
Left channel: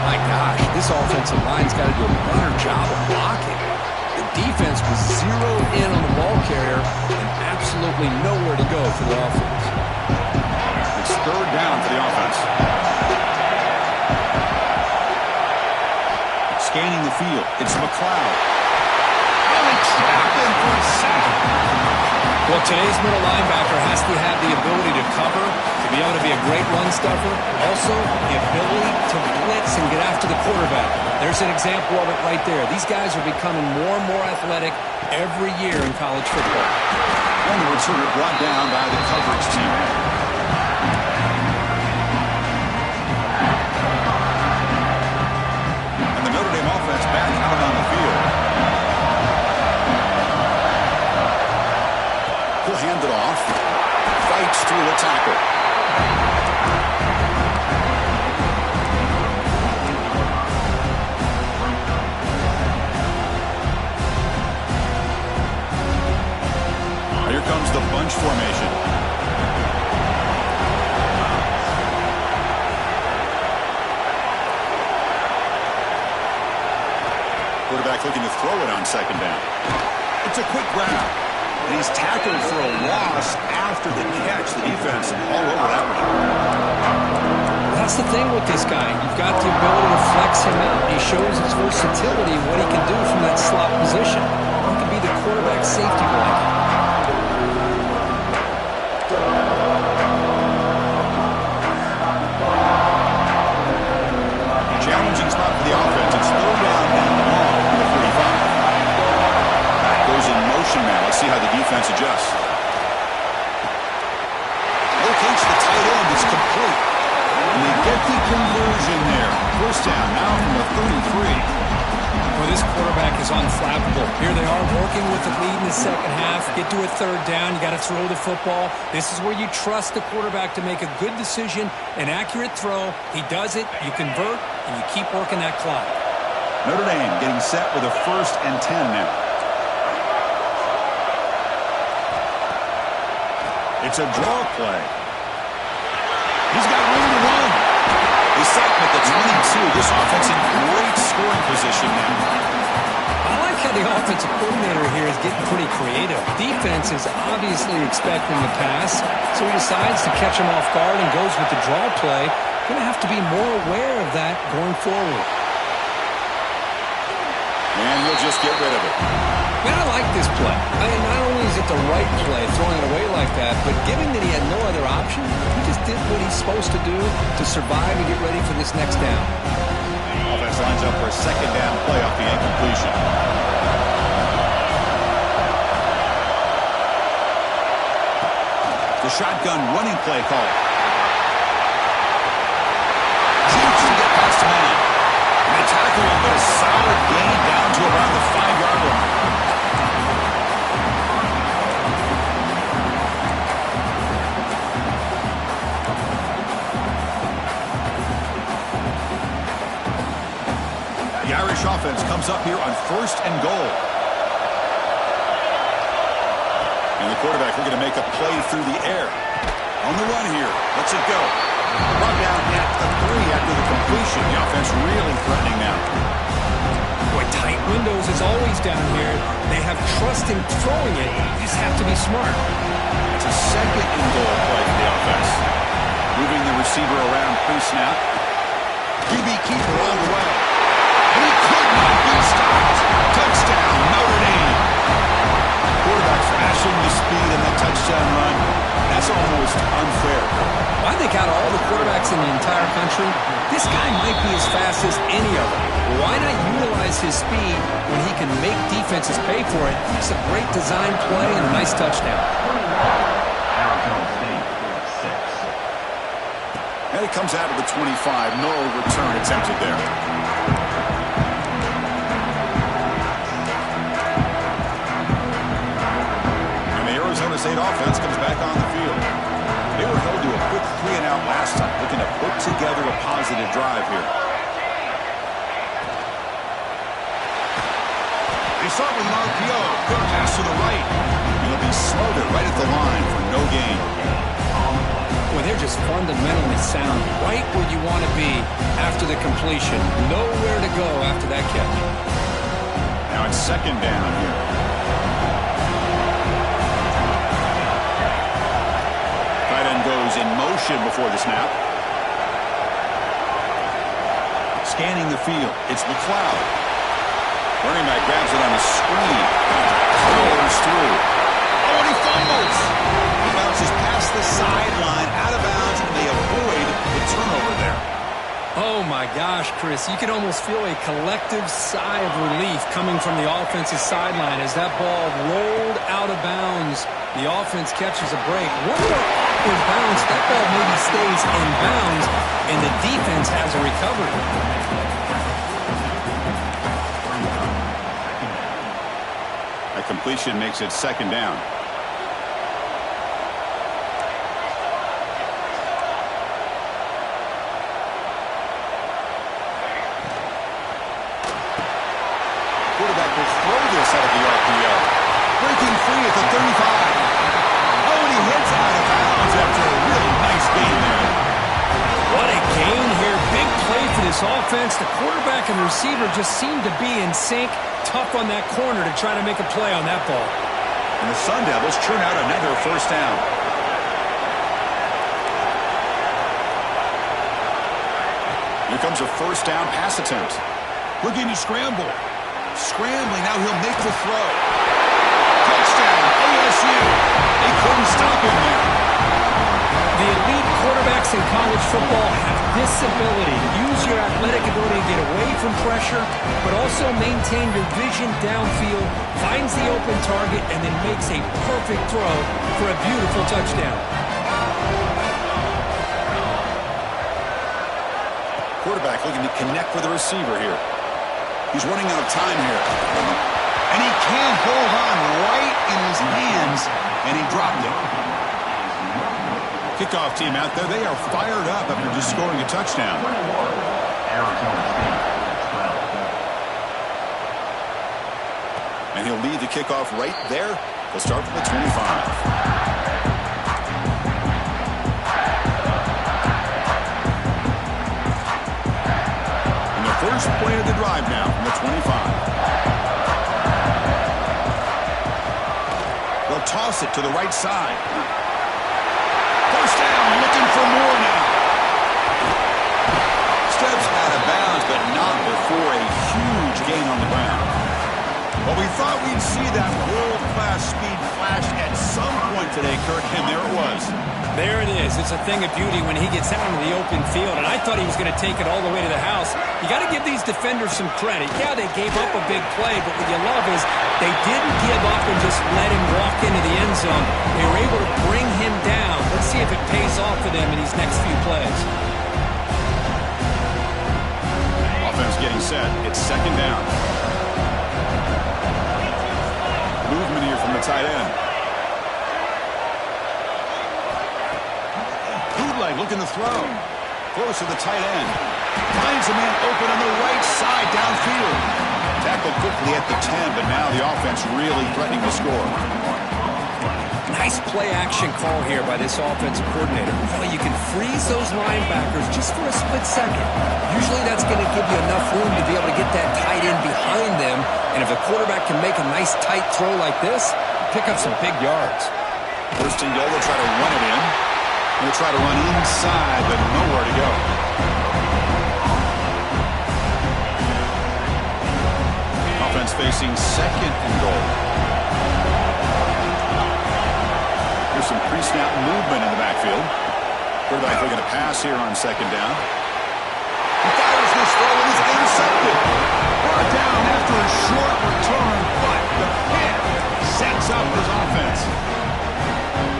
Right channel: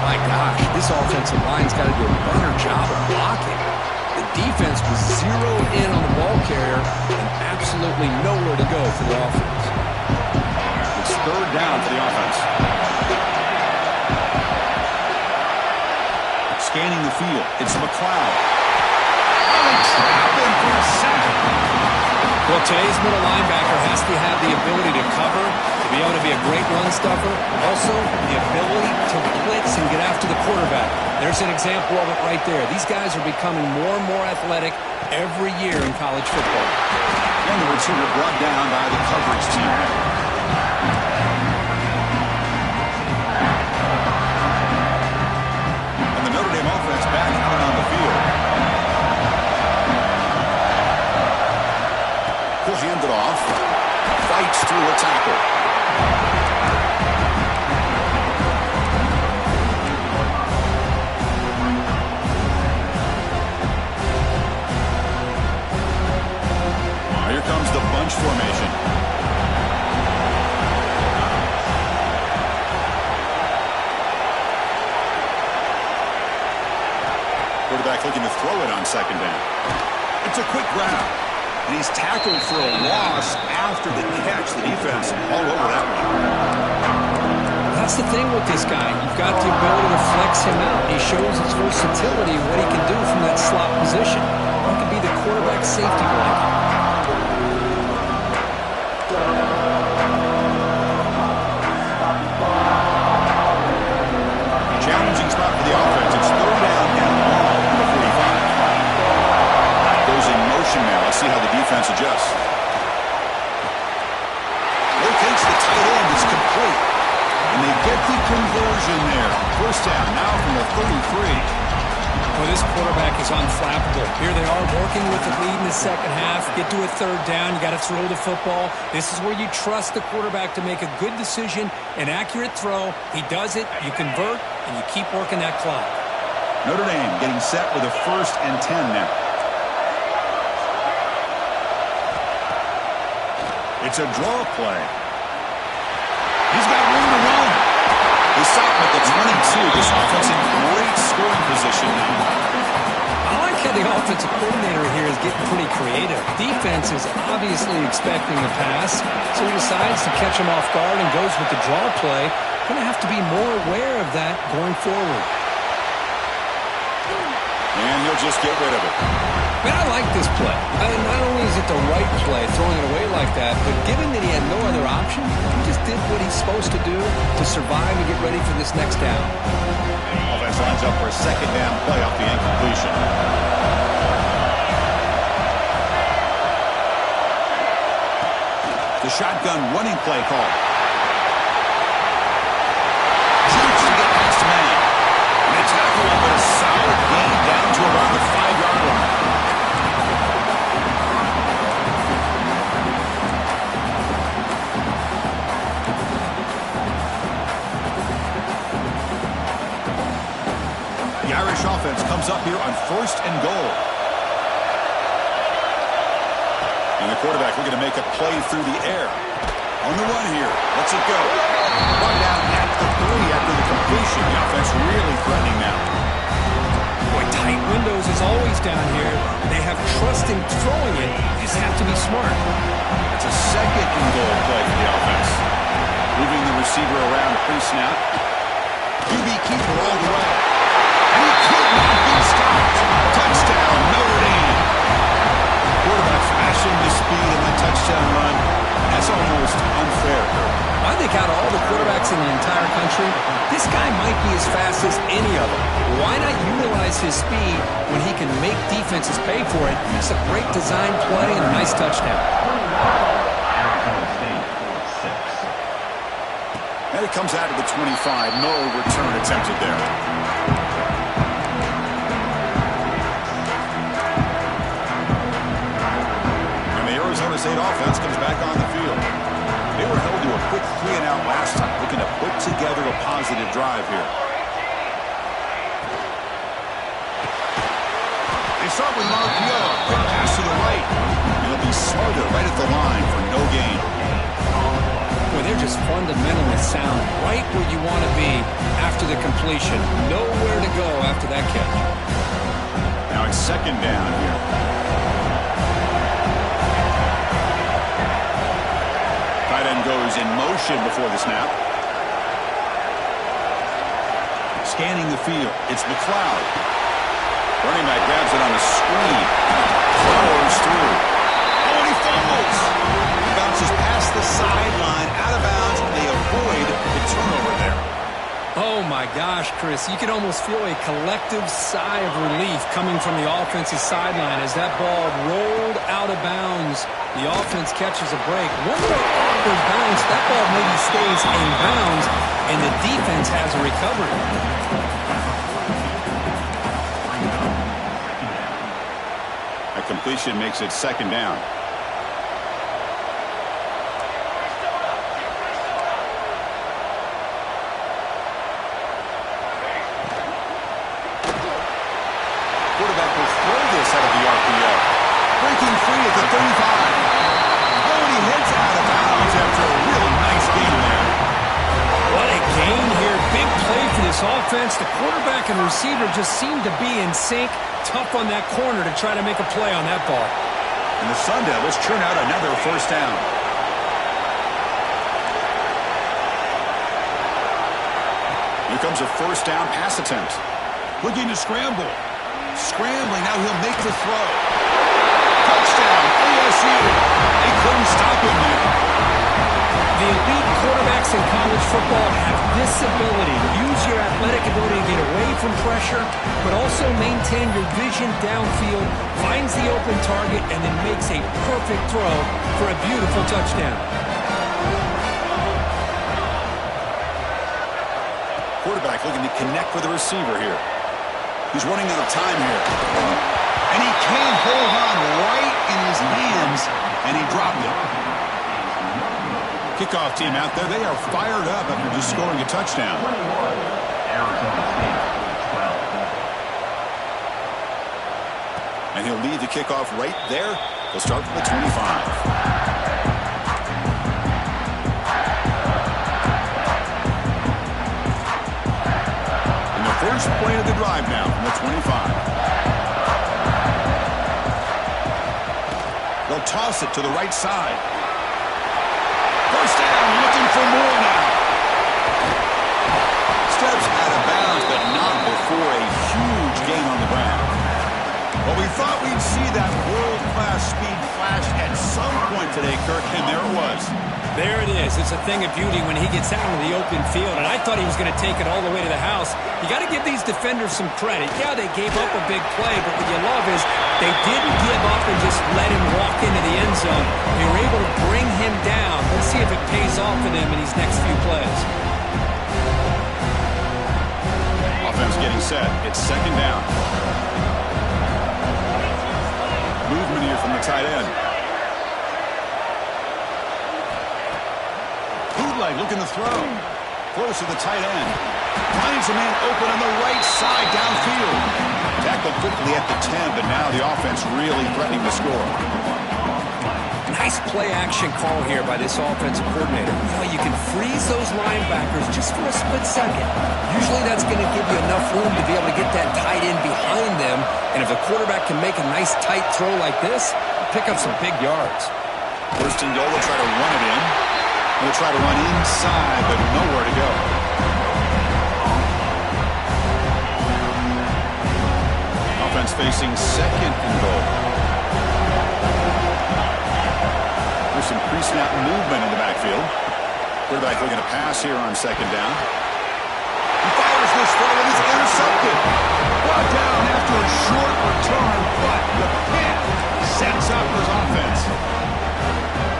My gosh, this offensive line's got to do a better job of blocking. The defense was zeroed in on the ball carrier and absolutely nowhere to go for the offense. It's 3rd down for the offense. Scanning the field. It's McLeod. Oh, they trap him for a sack. Well, today's middle linebacker has to have the ability to cover, to be able to be a great run stuffer, also the ability to blitz and get after the quarterback. There's an example of it right there. These guys are becoming more and more athletic every year in college football. And the returner brought down by the coverage team. And the Notre Dame offense back out on the field. He'll hand it off. Fights through a tackle. bunch formation. Quarterback looking to throw it on second down. It's a quick grab. And he's tackled for a loss after the catch. The defense all over that one. That's the thing with this guy. You've got the ability to flex him out. He shows his versatility, what he can do from that slot position. He could be the quarterback safety blanket. Challenging spot for the offense. It's third down and long for the 45. Goes in motion now. Let's see how the defense adjusts. Locates the tight end. It's complete. And they get the conversion there. First down now from the 33. Well, this quarterback is unflappable. Here they are working with the lead in the second half. Get to a third down. You got to throw the football. This is where you trust the quarterback to make a good decision, an accurate throw. He does it. You convert, and you keep working that clock. Notre Dame getting set with a 1st and 10 now. It's a draw play. He's got room to run. They stop him at the 22. This offense in great scoring position now. I like how the offensive coordinator here is getting pretty creative. Defense is obviously expecting the pass, so he decides to catch him off guard and goes with the draw play. Going to have to be more aware of that going forward. And he'll just get rid of it. Man, I like this play. Not only is it the right play, throwing it away like that, but given that he had no other option, he just did what he's supposed to do to survive and get ready for this next down. Offense lines up for a second down play off the incompletion. The shotgun running play call. Shoots to get past a man. And they tackle him, but a solid gain down to around the 5-yard line. The Irish offense comes up here on 1st and goal. And the quarterback looking to make a play through the air. On the run here. Lets it go. Brought down at the 3 after the completion. The offense really threatening now. Boy, tight windows is always down here. They have trust in throwing it. You just have to be smart. It's a 2nd and goal play for the offense. Moving the receiver around pre-snap. QB keeper all the way. And he could not be stopped. Touchdown, Notre Dame. Quarterback flashing the speed and the touchdown run. That's almost unfair. I think out of all the quarterbacks in the entire country, this guy might be as fast as any of them. Why not utilize his speed when he can make defenses pay for it? It's a great design play and a nice touchdown. And it comes out of the 25. No return attempted there. Arizona State offense comes back on the field. They were held to a quick 3-and-out last time, looking to put together a positive drive here. They start with an RPO. Quick pass to the right. It'll be smothered right at the line for no gain. Boy, they're just fundamentally sound. Right where you want to be after the completion. Nowhere to go after that catch. Now it's 2nd down here. Tight end goes in motion before the snap. Scanning the field. It's McLeod. Running back grabs it on a screen. Powers through. Oh, and he fumbles. He bounces past the sideline, out of bounds, and they avoid the turnover there. Oh, my gosh, Chris. You can almost feel a collective sigh of relief coming from the offensive sideline as that ball rolled out of bounds. The offense catches a break. One more awkward bounce. That ball maybe stays in bounds, and the defense has a recovery. That completion makes it 2nd down. Quarterback will throw this out of the RPO. Breaking free at the 35. Oh, he heads out of bounds after a really nice gain there. What a gain here. Big play for this offense. The quarterback and receiver just seem to be in sync. Tough on that corner to try to make a play on that ball. And the Sun Devils churn out another first down. Here comes a first down pass attempt. Looking to scramble. Scrambling, now he'll make the throw. Touchdown, ASU. They couldn't stop him there. The elite quarterbacks in college football have this ability. Use your athletic ability to get away from pressure, but also maintain your vision downfield, finds the open target, and then makes a perfect throw for a beautiful touchdown. Quarterback looking to connect with the receiver here. He's running out of time here. And he can't hold on right in his hands, and he dropped it. Kickoff team out there, they are fired up after just scoring a touchdown. And he'll lead the kickoff right there. He'll start from the 25. First play of the drive now from the 25. They'll toss it to the right side. First down, looking for more now. Steps out of bounds, but not before a huge gain on the ground. Well, we thought we'd see that world-class speed flash at some point today, Kirk, and there it was. There it is. It's a thing of beauty when he gets out into the open field, and I thought he was going to take it all the way to the house. You got to give these defenders some credit. Yeah, they gave up a big play, but what you love is they didn't give up and just let him walk into the end zone. They were able to bring him down. Let's see if it pays off for them in these next few plays. Offense getting set. It's second down. Movement here from the tight end. Bootleg looking to throw. Close to the tight end. Finds a man open on the right side downfield. Tackled quickly at the 10, but now the offense really threatening to score. Nice play-action call here by this offensive coordinator. You can freeze those linebackers just for a split second. Usually that's going to give you enough room to be able to get that tight end behind them. And if the quarterback can make a nice tight throw like this, pick up some big yards. First and goal, they'll try to run it in. They'll try to run inside, but nowhere to go. Offense facing second and goal. There's some pre-snap movement in the backfield. Quarterback looking to pass here on second down. He fires this throw and it's intercepted. Brought down after a short return, but the pick sets up his offense.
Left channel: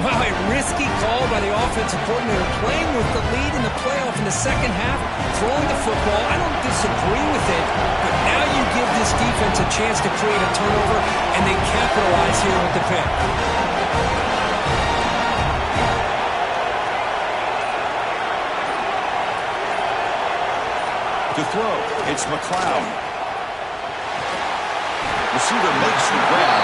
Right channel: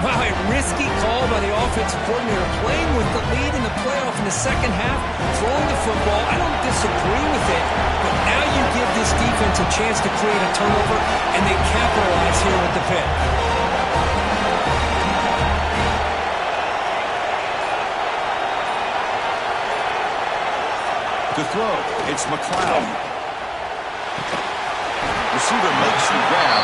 Wow, a risky call by the offensive coordinator, playing with the lead in the playoff in the second half, throwing the football. I don't disagree with it, but now you give this defense a chance to create a turnover, and they capitalize here with the pick. To throw, it's McLeod. Receiver makes the grab.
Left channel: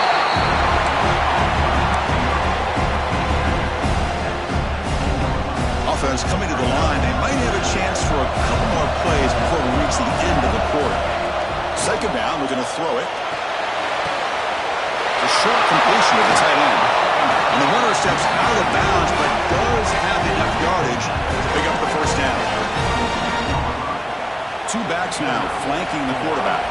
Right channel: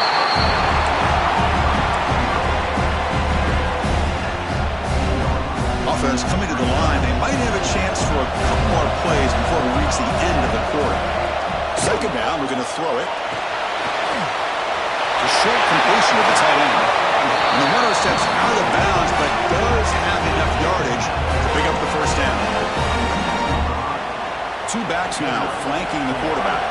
Offense coming to the line. They might have a chance for a couple more plays before we reach the end of the quarter. Second down, we're going to throw it. The short completion of the tight end. And the runner steps out of bounds, but does have enough yardage to pick up the first down. Two backs now flanking the quarterback.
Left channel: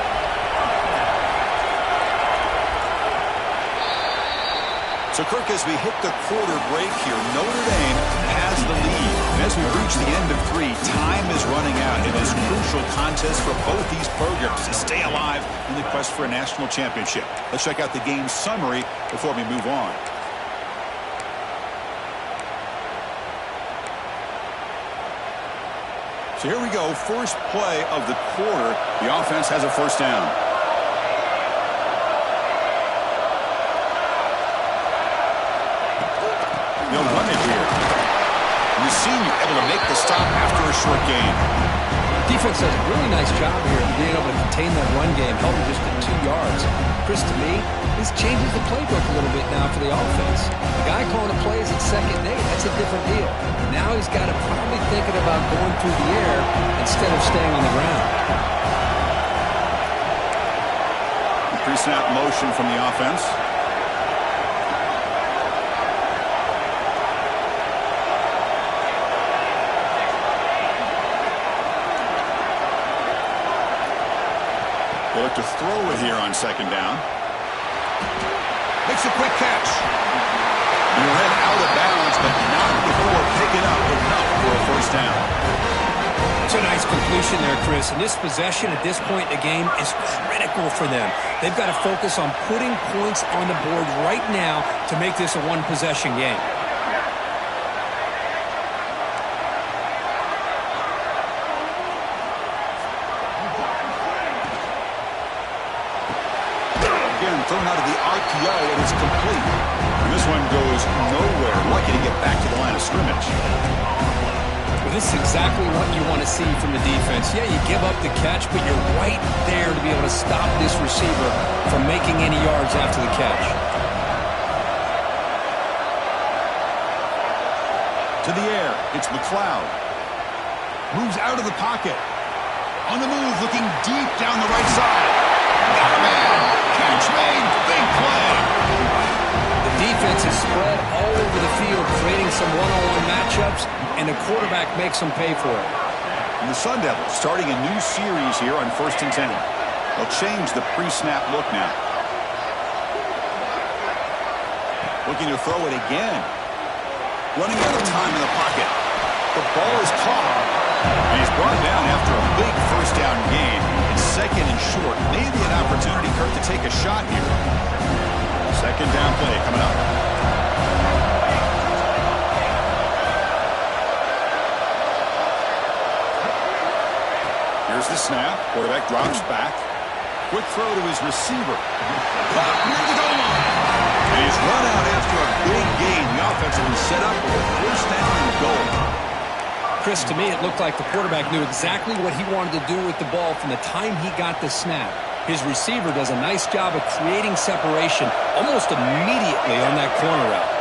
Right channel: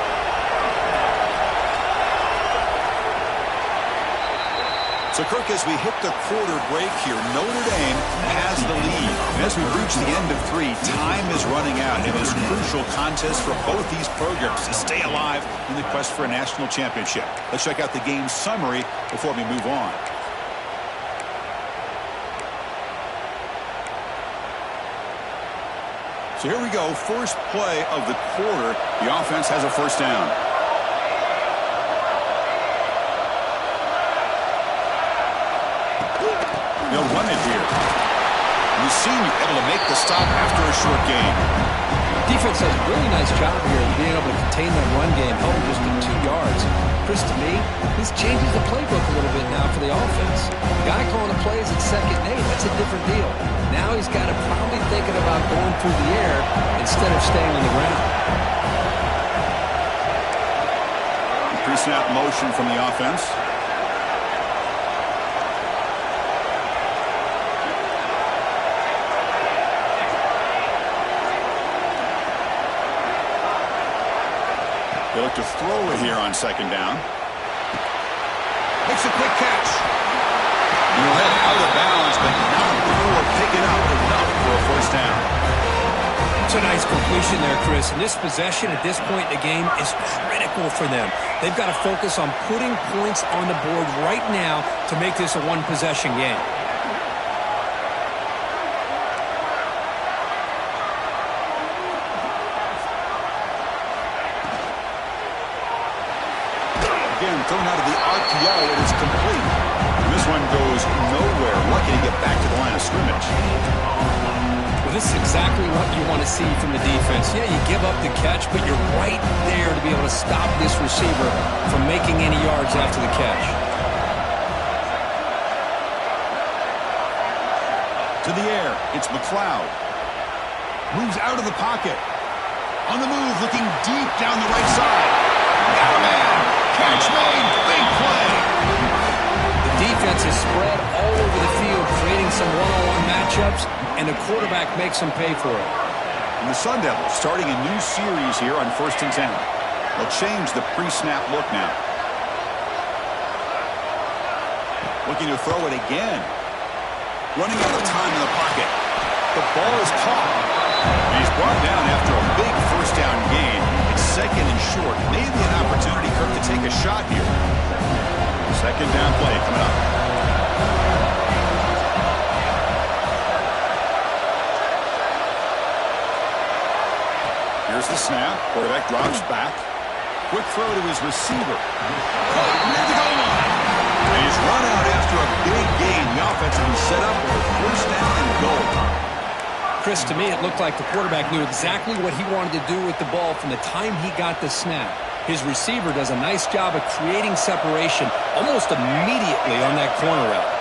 So, Kirk, as we hit the quarter break here, Notre Dame has the lead. And as we reach the end of three, time is running out. It is a crucial contest for both these programs to stay alive in the quest for a national championship. Let's check out the game summary before we move on. So here we go, first play of the quarter. The offense has a first down. They'll run it here. And the senior able to make the stop after a short gain. Defense does a really nice job here of being able to contain that run game, held him just to 2 yards. Chris, to me, this changes the playbook a little bit now for the offense. The guy calling the plays at 2nd and 8, that's a different deal. Now he's got to probably thinking about going through the air instead of staying on the ground. Pre-snap motion from the offense. They look to throw it here on 2nd down. Makes a quick catch. He'll head out of bounds, but not before picking up enough for a 1st down. It's a nice completion there, Chris. And this possession at this point in the game is critical for them. They've got to focus on putting points on the board right now to make this a one-possession game. Again, thrown out of the RPO, and it's complete. And this one goes nowhere. Lucky to get back to the line of scrimmage. Well, this is exactly what you want to see from the defense. Yeah, you give up the catch, but you're right there to be able to stop this receiver from making any yards after the catch. To the air, it's McLeod. Moves out of the pocket. On the move, looking deep down the right side. Got a man. Catch made. Big play. The defense is spread all over the field, creating some one-on-one matchups, and the quarterback makes them pay for it. And the Sun Devils starting a new series here on 1st and 10. They'll change the pre-snap look now. Looking to throw it again. Running out of time in the pocket. The ball is caught. And he's brought down after a big 1st down gain. It's 2nd and short. Maybe an opportunity, Kirk, to take a shot here. 2nd down play coming up. Here's the snap. Quarterback drops back. Quick throw to his receiver. Caught near the goal line. And he's run out after a big gain. The offense will be set up with a 1st down and goal. Chris, to me, it looked like the quarterback knew exactly what he wanted to do with the ball from the time he got the snap. His receiver does a nice job of creating separation almost immediately on that corner route.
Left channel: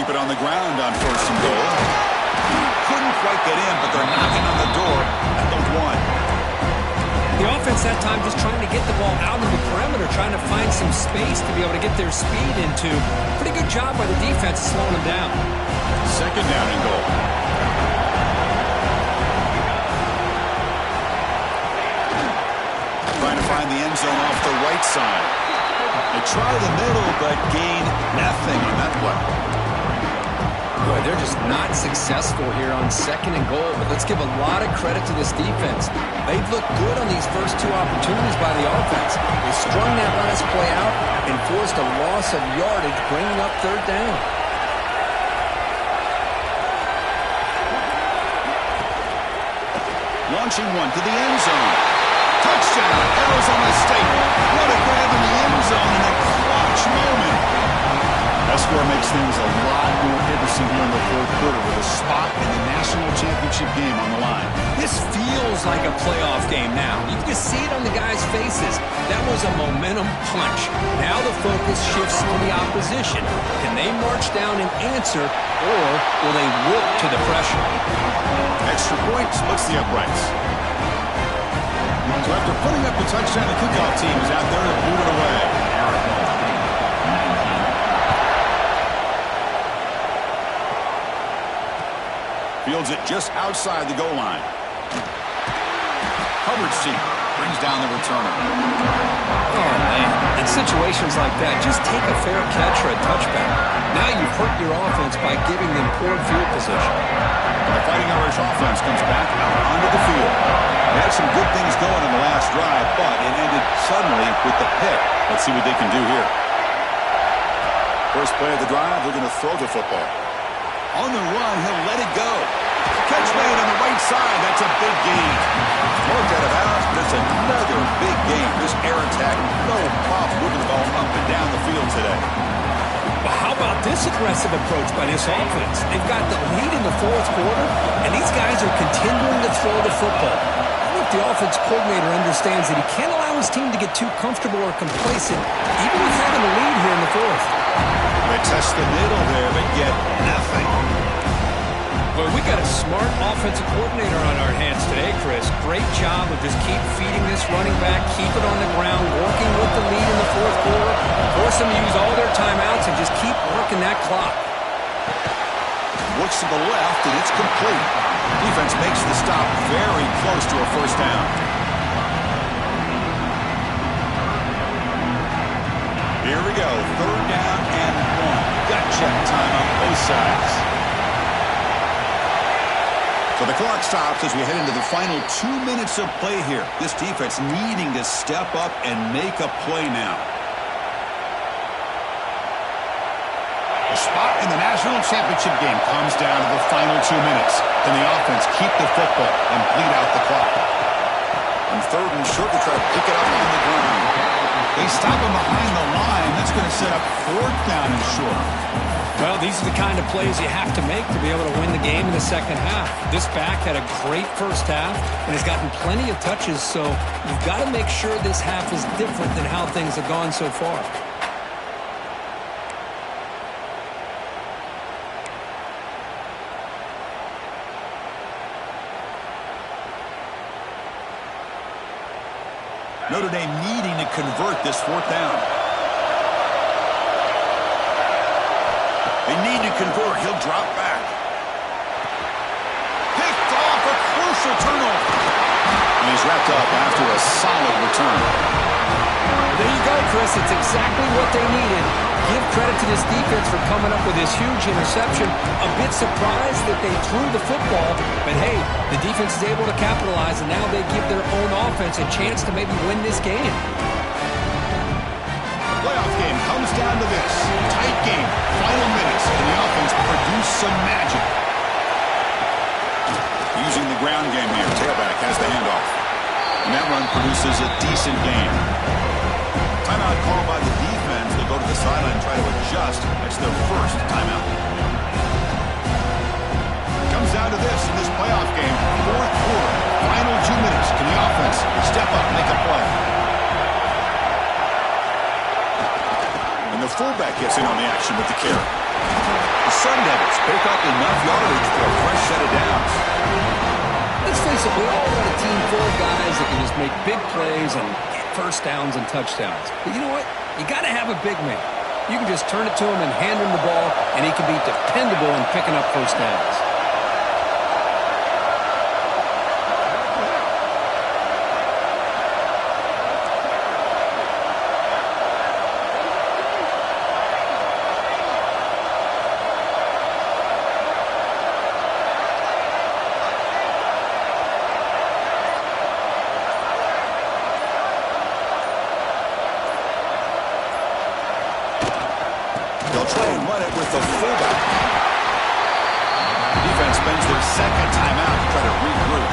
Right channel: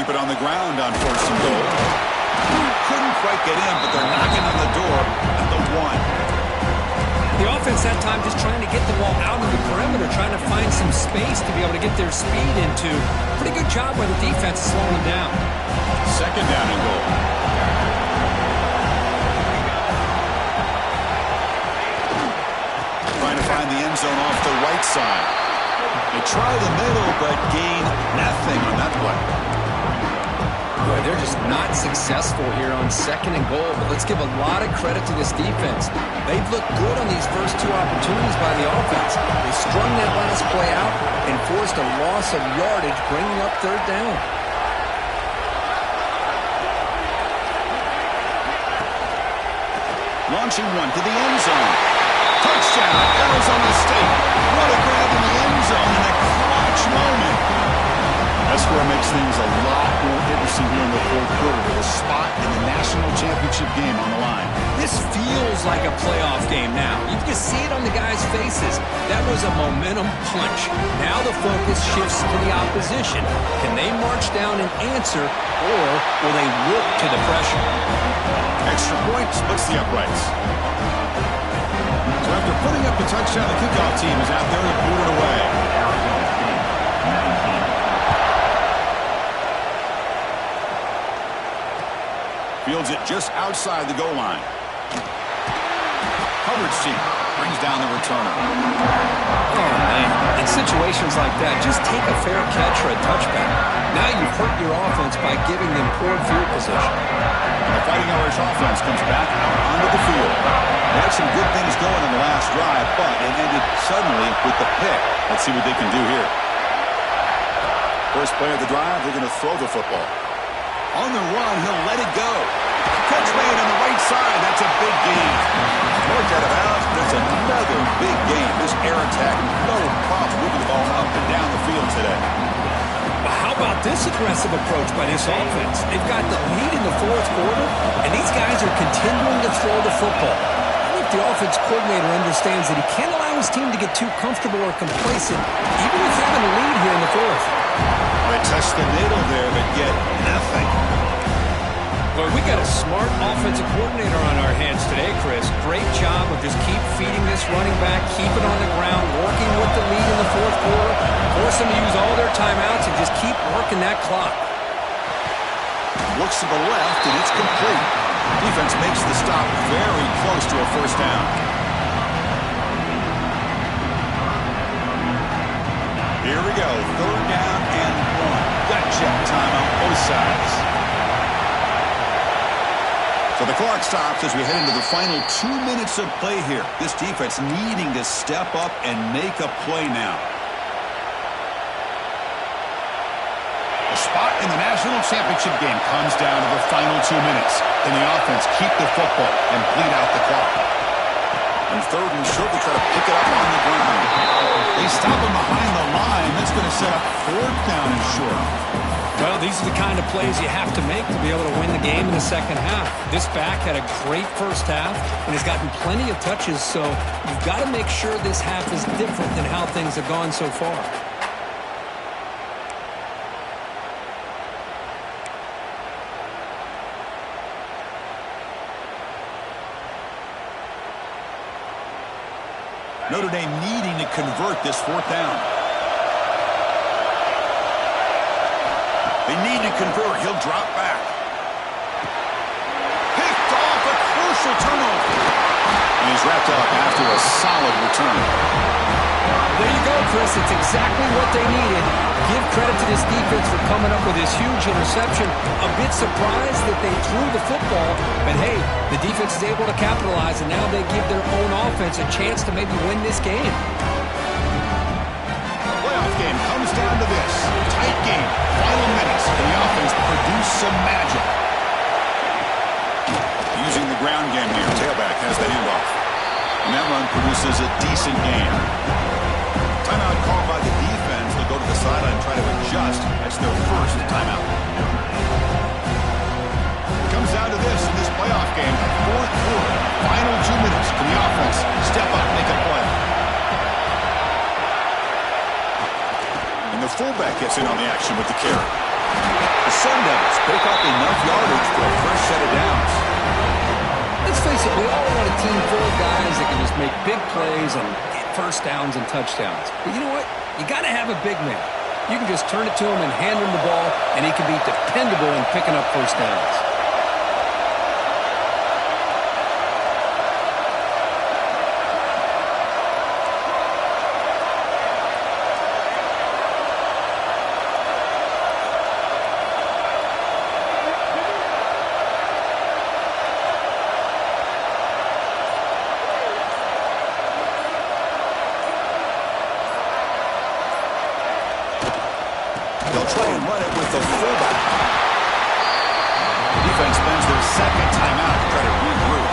Keep it on the ground on 1st and goal. Couldn't quite get in, but they're knocking on the door at the 1. The offense that time just trying to get the ball out of the perimeter, trying to find some space to be able to get their speed into. Pretty good job by the defense slowing them down. 2nd down and goal. Trying to find the end zone off the right side. They try the middle, but gain nothing on that play. Boy, they're just not successful here on 2nd and goal, but let's give a lot of credit to this defense. They've looked good on these first 2 opportunities by the offense. They strung that last play out and forced a loss of yardage, bringing up 3rd down. Launching one to the end zone. Touchdown, Arizona State. What a grab in the end zone in a clutch moment. That score makes things a lot more interesting here in the 4th quarter with a spot in the national championship game on the line. This feels like a playoff game now. You can just see it on the guys' faces. That was a momentum punch. Now the focus shifts to the opposition. Can they march down and answer, or will they wilt to the pressure? Extra point splits the uprights. So after putting up the touchdown, the kickoff team is out there to boot it away. Fields it just outside the goal line. Hubbard's team brings down the returner. Oh, man. In situations like that, just take a fair catch or a touchback. Now you've hurt your offense by giving them poor field position. The Fighting Irish offense comes back out onto the field. They had some good things going in the last drive, but it ended suddenly with the pick. Let's see what they can do here. First play of the drive, they're going to throw the football. On the run, he'll let it go. Catch made on the right side. That's a big gain. Worked out of bounds, but it's another big gain. This air attack, no problem moving the ball up and down the field today. Well, how about this aggressive approach by this offense? They've got the lead in the 4th quarter, and these guys are continuing to throw the football. How many if the offense coordinator understands that he can't allow his team to get too comfortable or complacent, even with having a lead here in the fourth. They touched the middle there, but yet nothing. Well, we got a smart offensive coordinator on our hands today, Chris. Great job of just keep feeding this running back, keep it on the ground, working with the lead in the fourth quarter, force them to use all their timeouts, and just keep working that clock. Looks to the left, and it's complete. Defense makes the stop very close to a first down. Here we go, third down and 1. Gut check time on both sides. So the clock stops as we head into the final 2 minutes of play here. This defense needing to step up and make a play now. The spot in the national championship game comes down to the final 2 minutes. Can the offense keep the football and bleed out the clock? On third and short, they try to pick it up on the ground. They stop him behind the line. That's going to set up fourth down and short. Well, these are the kind of plays you have to make to be able to win the game in the second half. This back had a great first half and has gotten plenty of touches, so you've got to make sure this half is different than how things have gone so far. Notre Dame needing to convert this fourth down. They need to convert. He'll drop back. Picked off, a crucial turnover. And he's wrapped up after a solid return. There you go, Chris. It's exactly what they needed. Give credit to this defense for coming up with this huge interception. A bit surprised that they threw the football, but hey, the defense is able to capitalize, and now they give their own offense a chance to maybe win this game. The playoff game comes down to this. Tight game, final minutes, and the offense produce some magic. Using the ground game here, tailback has the handoff. And that run produces a decent gain. Timeout called by the defense. They'll go to the sideline and try to adjust. That's their first timeout. It comes down to this in this playoff game. Fourth quarter, final 2 minutes. Can the offense step up, make a play? And the fullback gets in on the action with the carry. The Sun Devils pick up enough yardage for a fresh set of downs. Let's face it, we all want a team full of guys that can just make big plays and get first downs and touchdowns. But you know what? You got to have a big man. You can just turn it to him and hand him the ball, and he can be dependable in picking up first downs. Try and run it with the fullback. Defense spends their second timeout to try to regroup.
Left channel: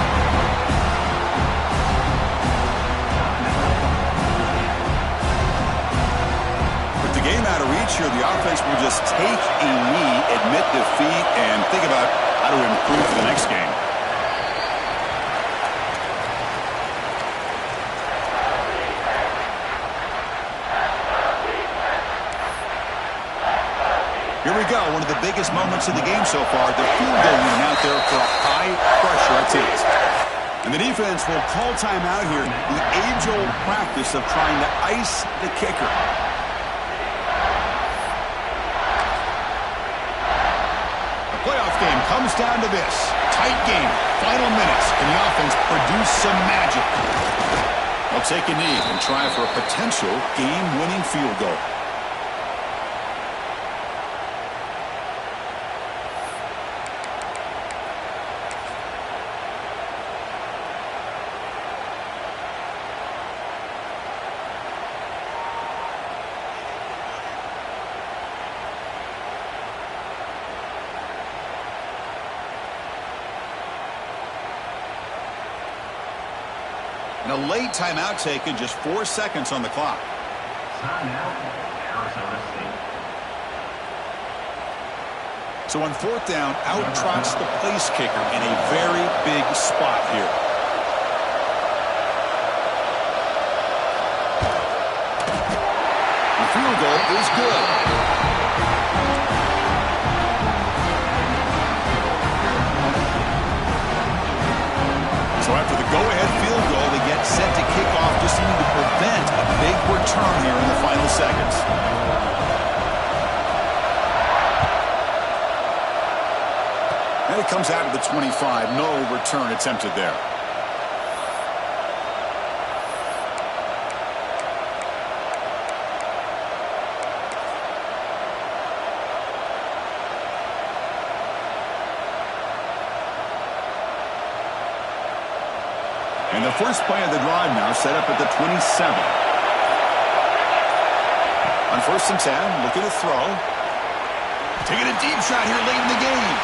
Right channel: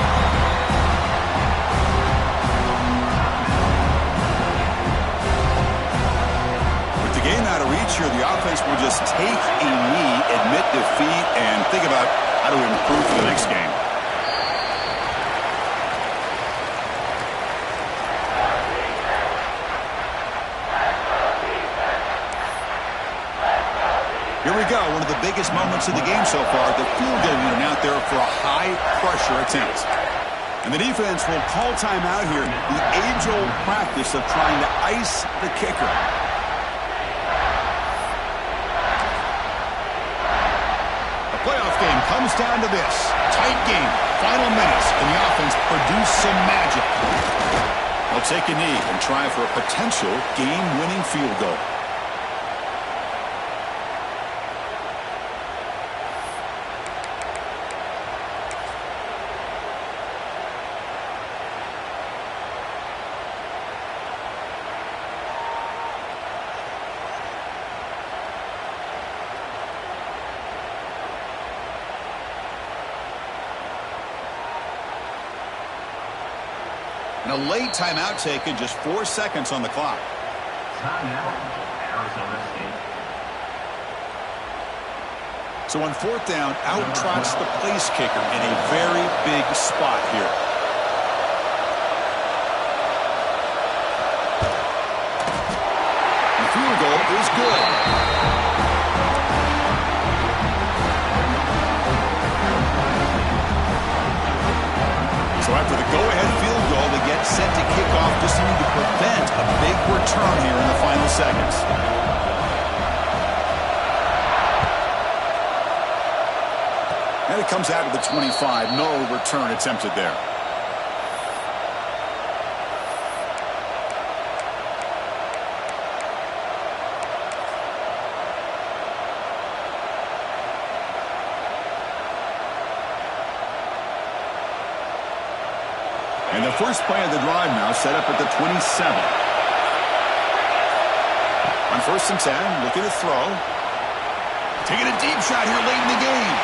With the game out of reach here, the offense will just take a knee, admit defeat, and think about how to improve for the next game. Here we go, one of the biggest moments of the game so far, the field goal unit out there for a high-pressure attempt. And the defense will call timeout here, the age-old practice of trying to ice the kicker. The playoff game comes down to this. Tight game, final minutes, and the offense produce some magic. They'll take a knee and try for a potential game-winning field goal. And a late timeout taken, just 4 seconds on the clock. Timeout, Arizona State. So on fourth down, out trots the place kicker in a very big spot here. field goal is good. So after the go-ahead field goal, they get set to kick off, just needing to prevent a big return here in the final seconds. And it comes out of the 25. No return attempted there. And the first play of the drive now set up at the 27. On 1st and 10, looking to throw. Taking a deep shot here late in the game.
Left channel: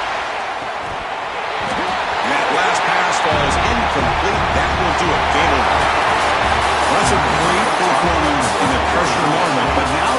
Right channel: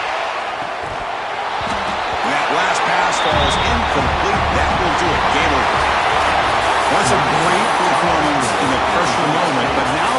And that last pass falls incomplete. That will do it. Game over. Well, that's a great performance in a pressure moment, but now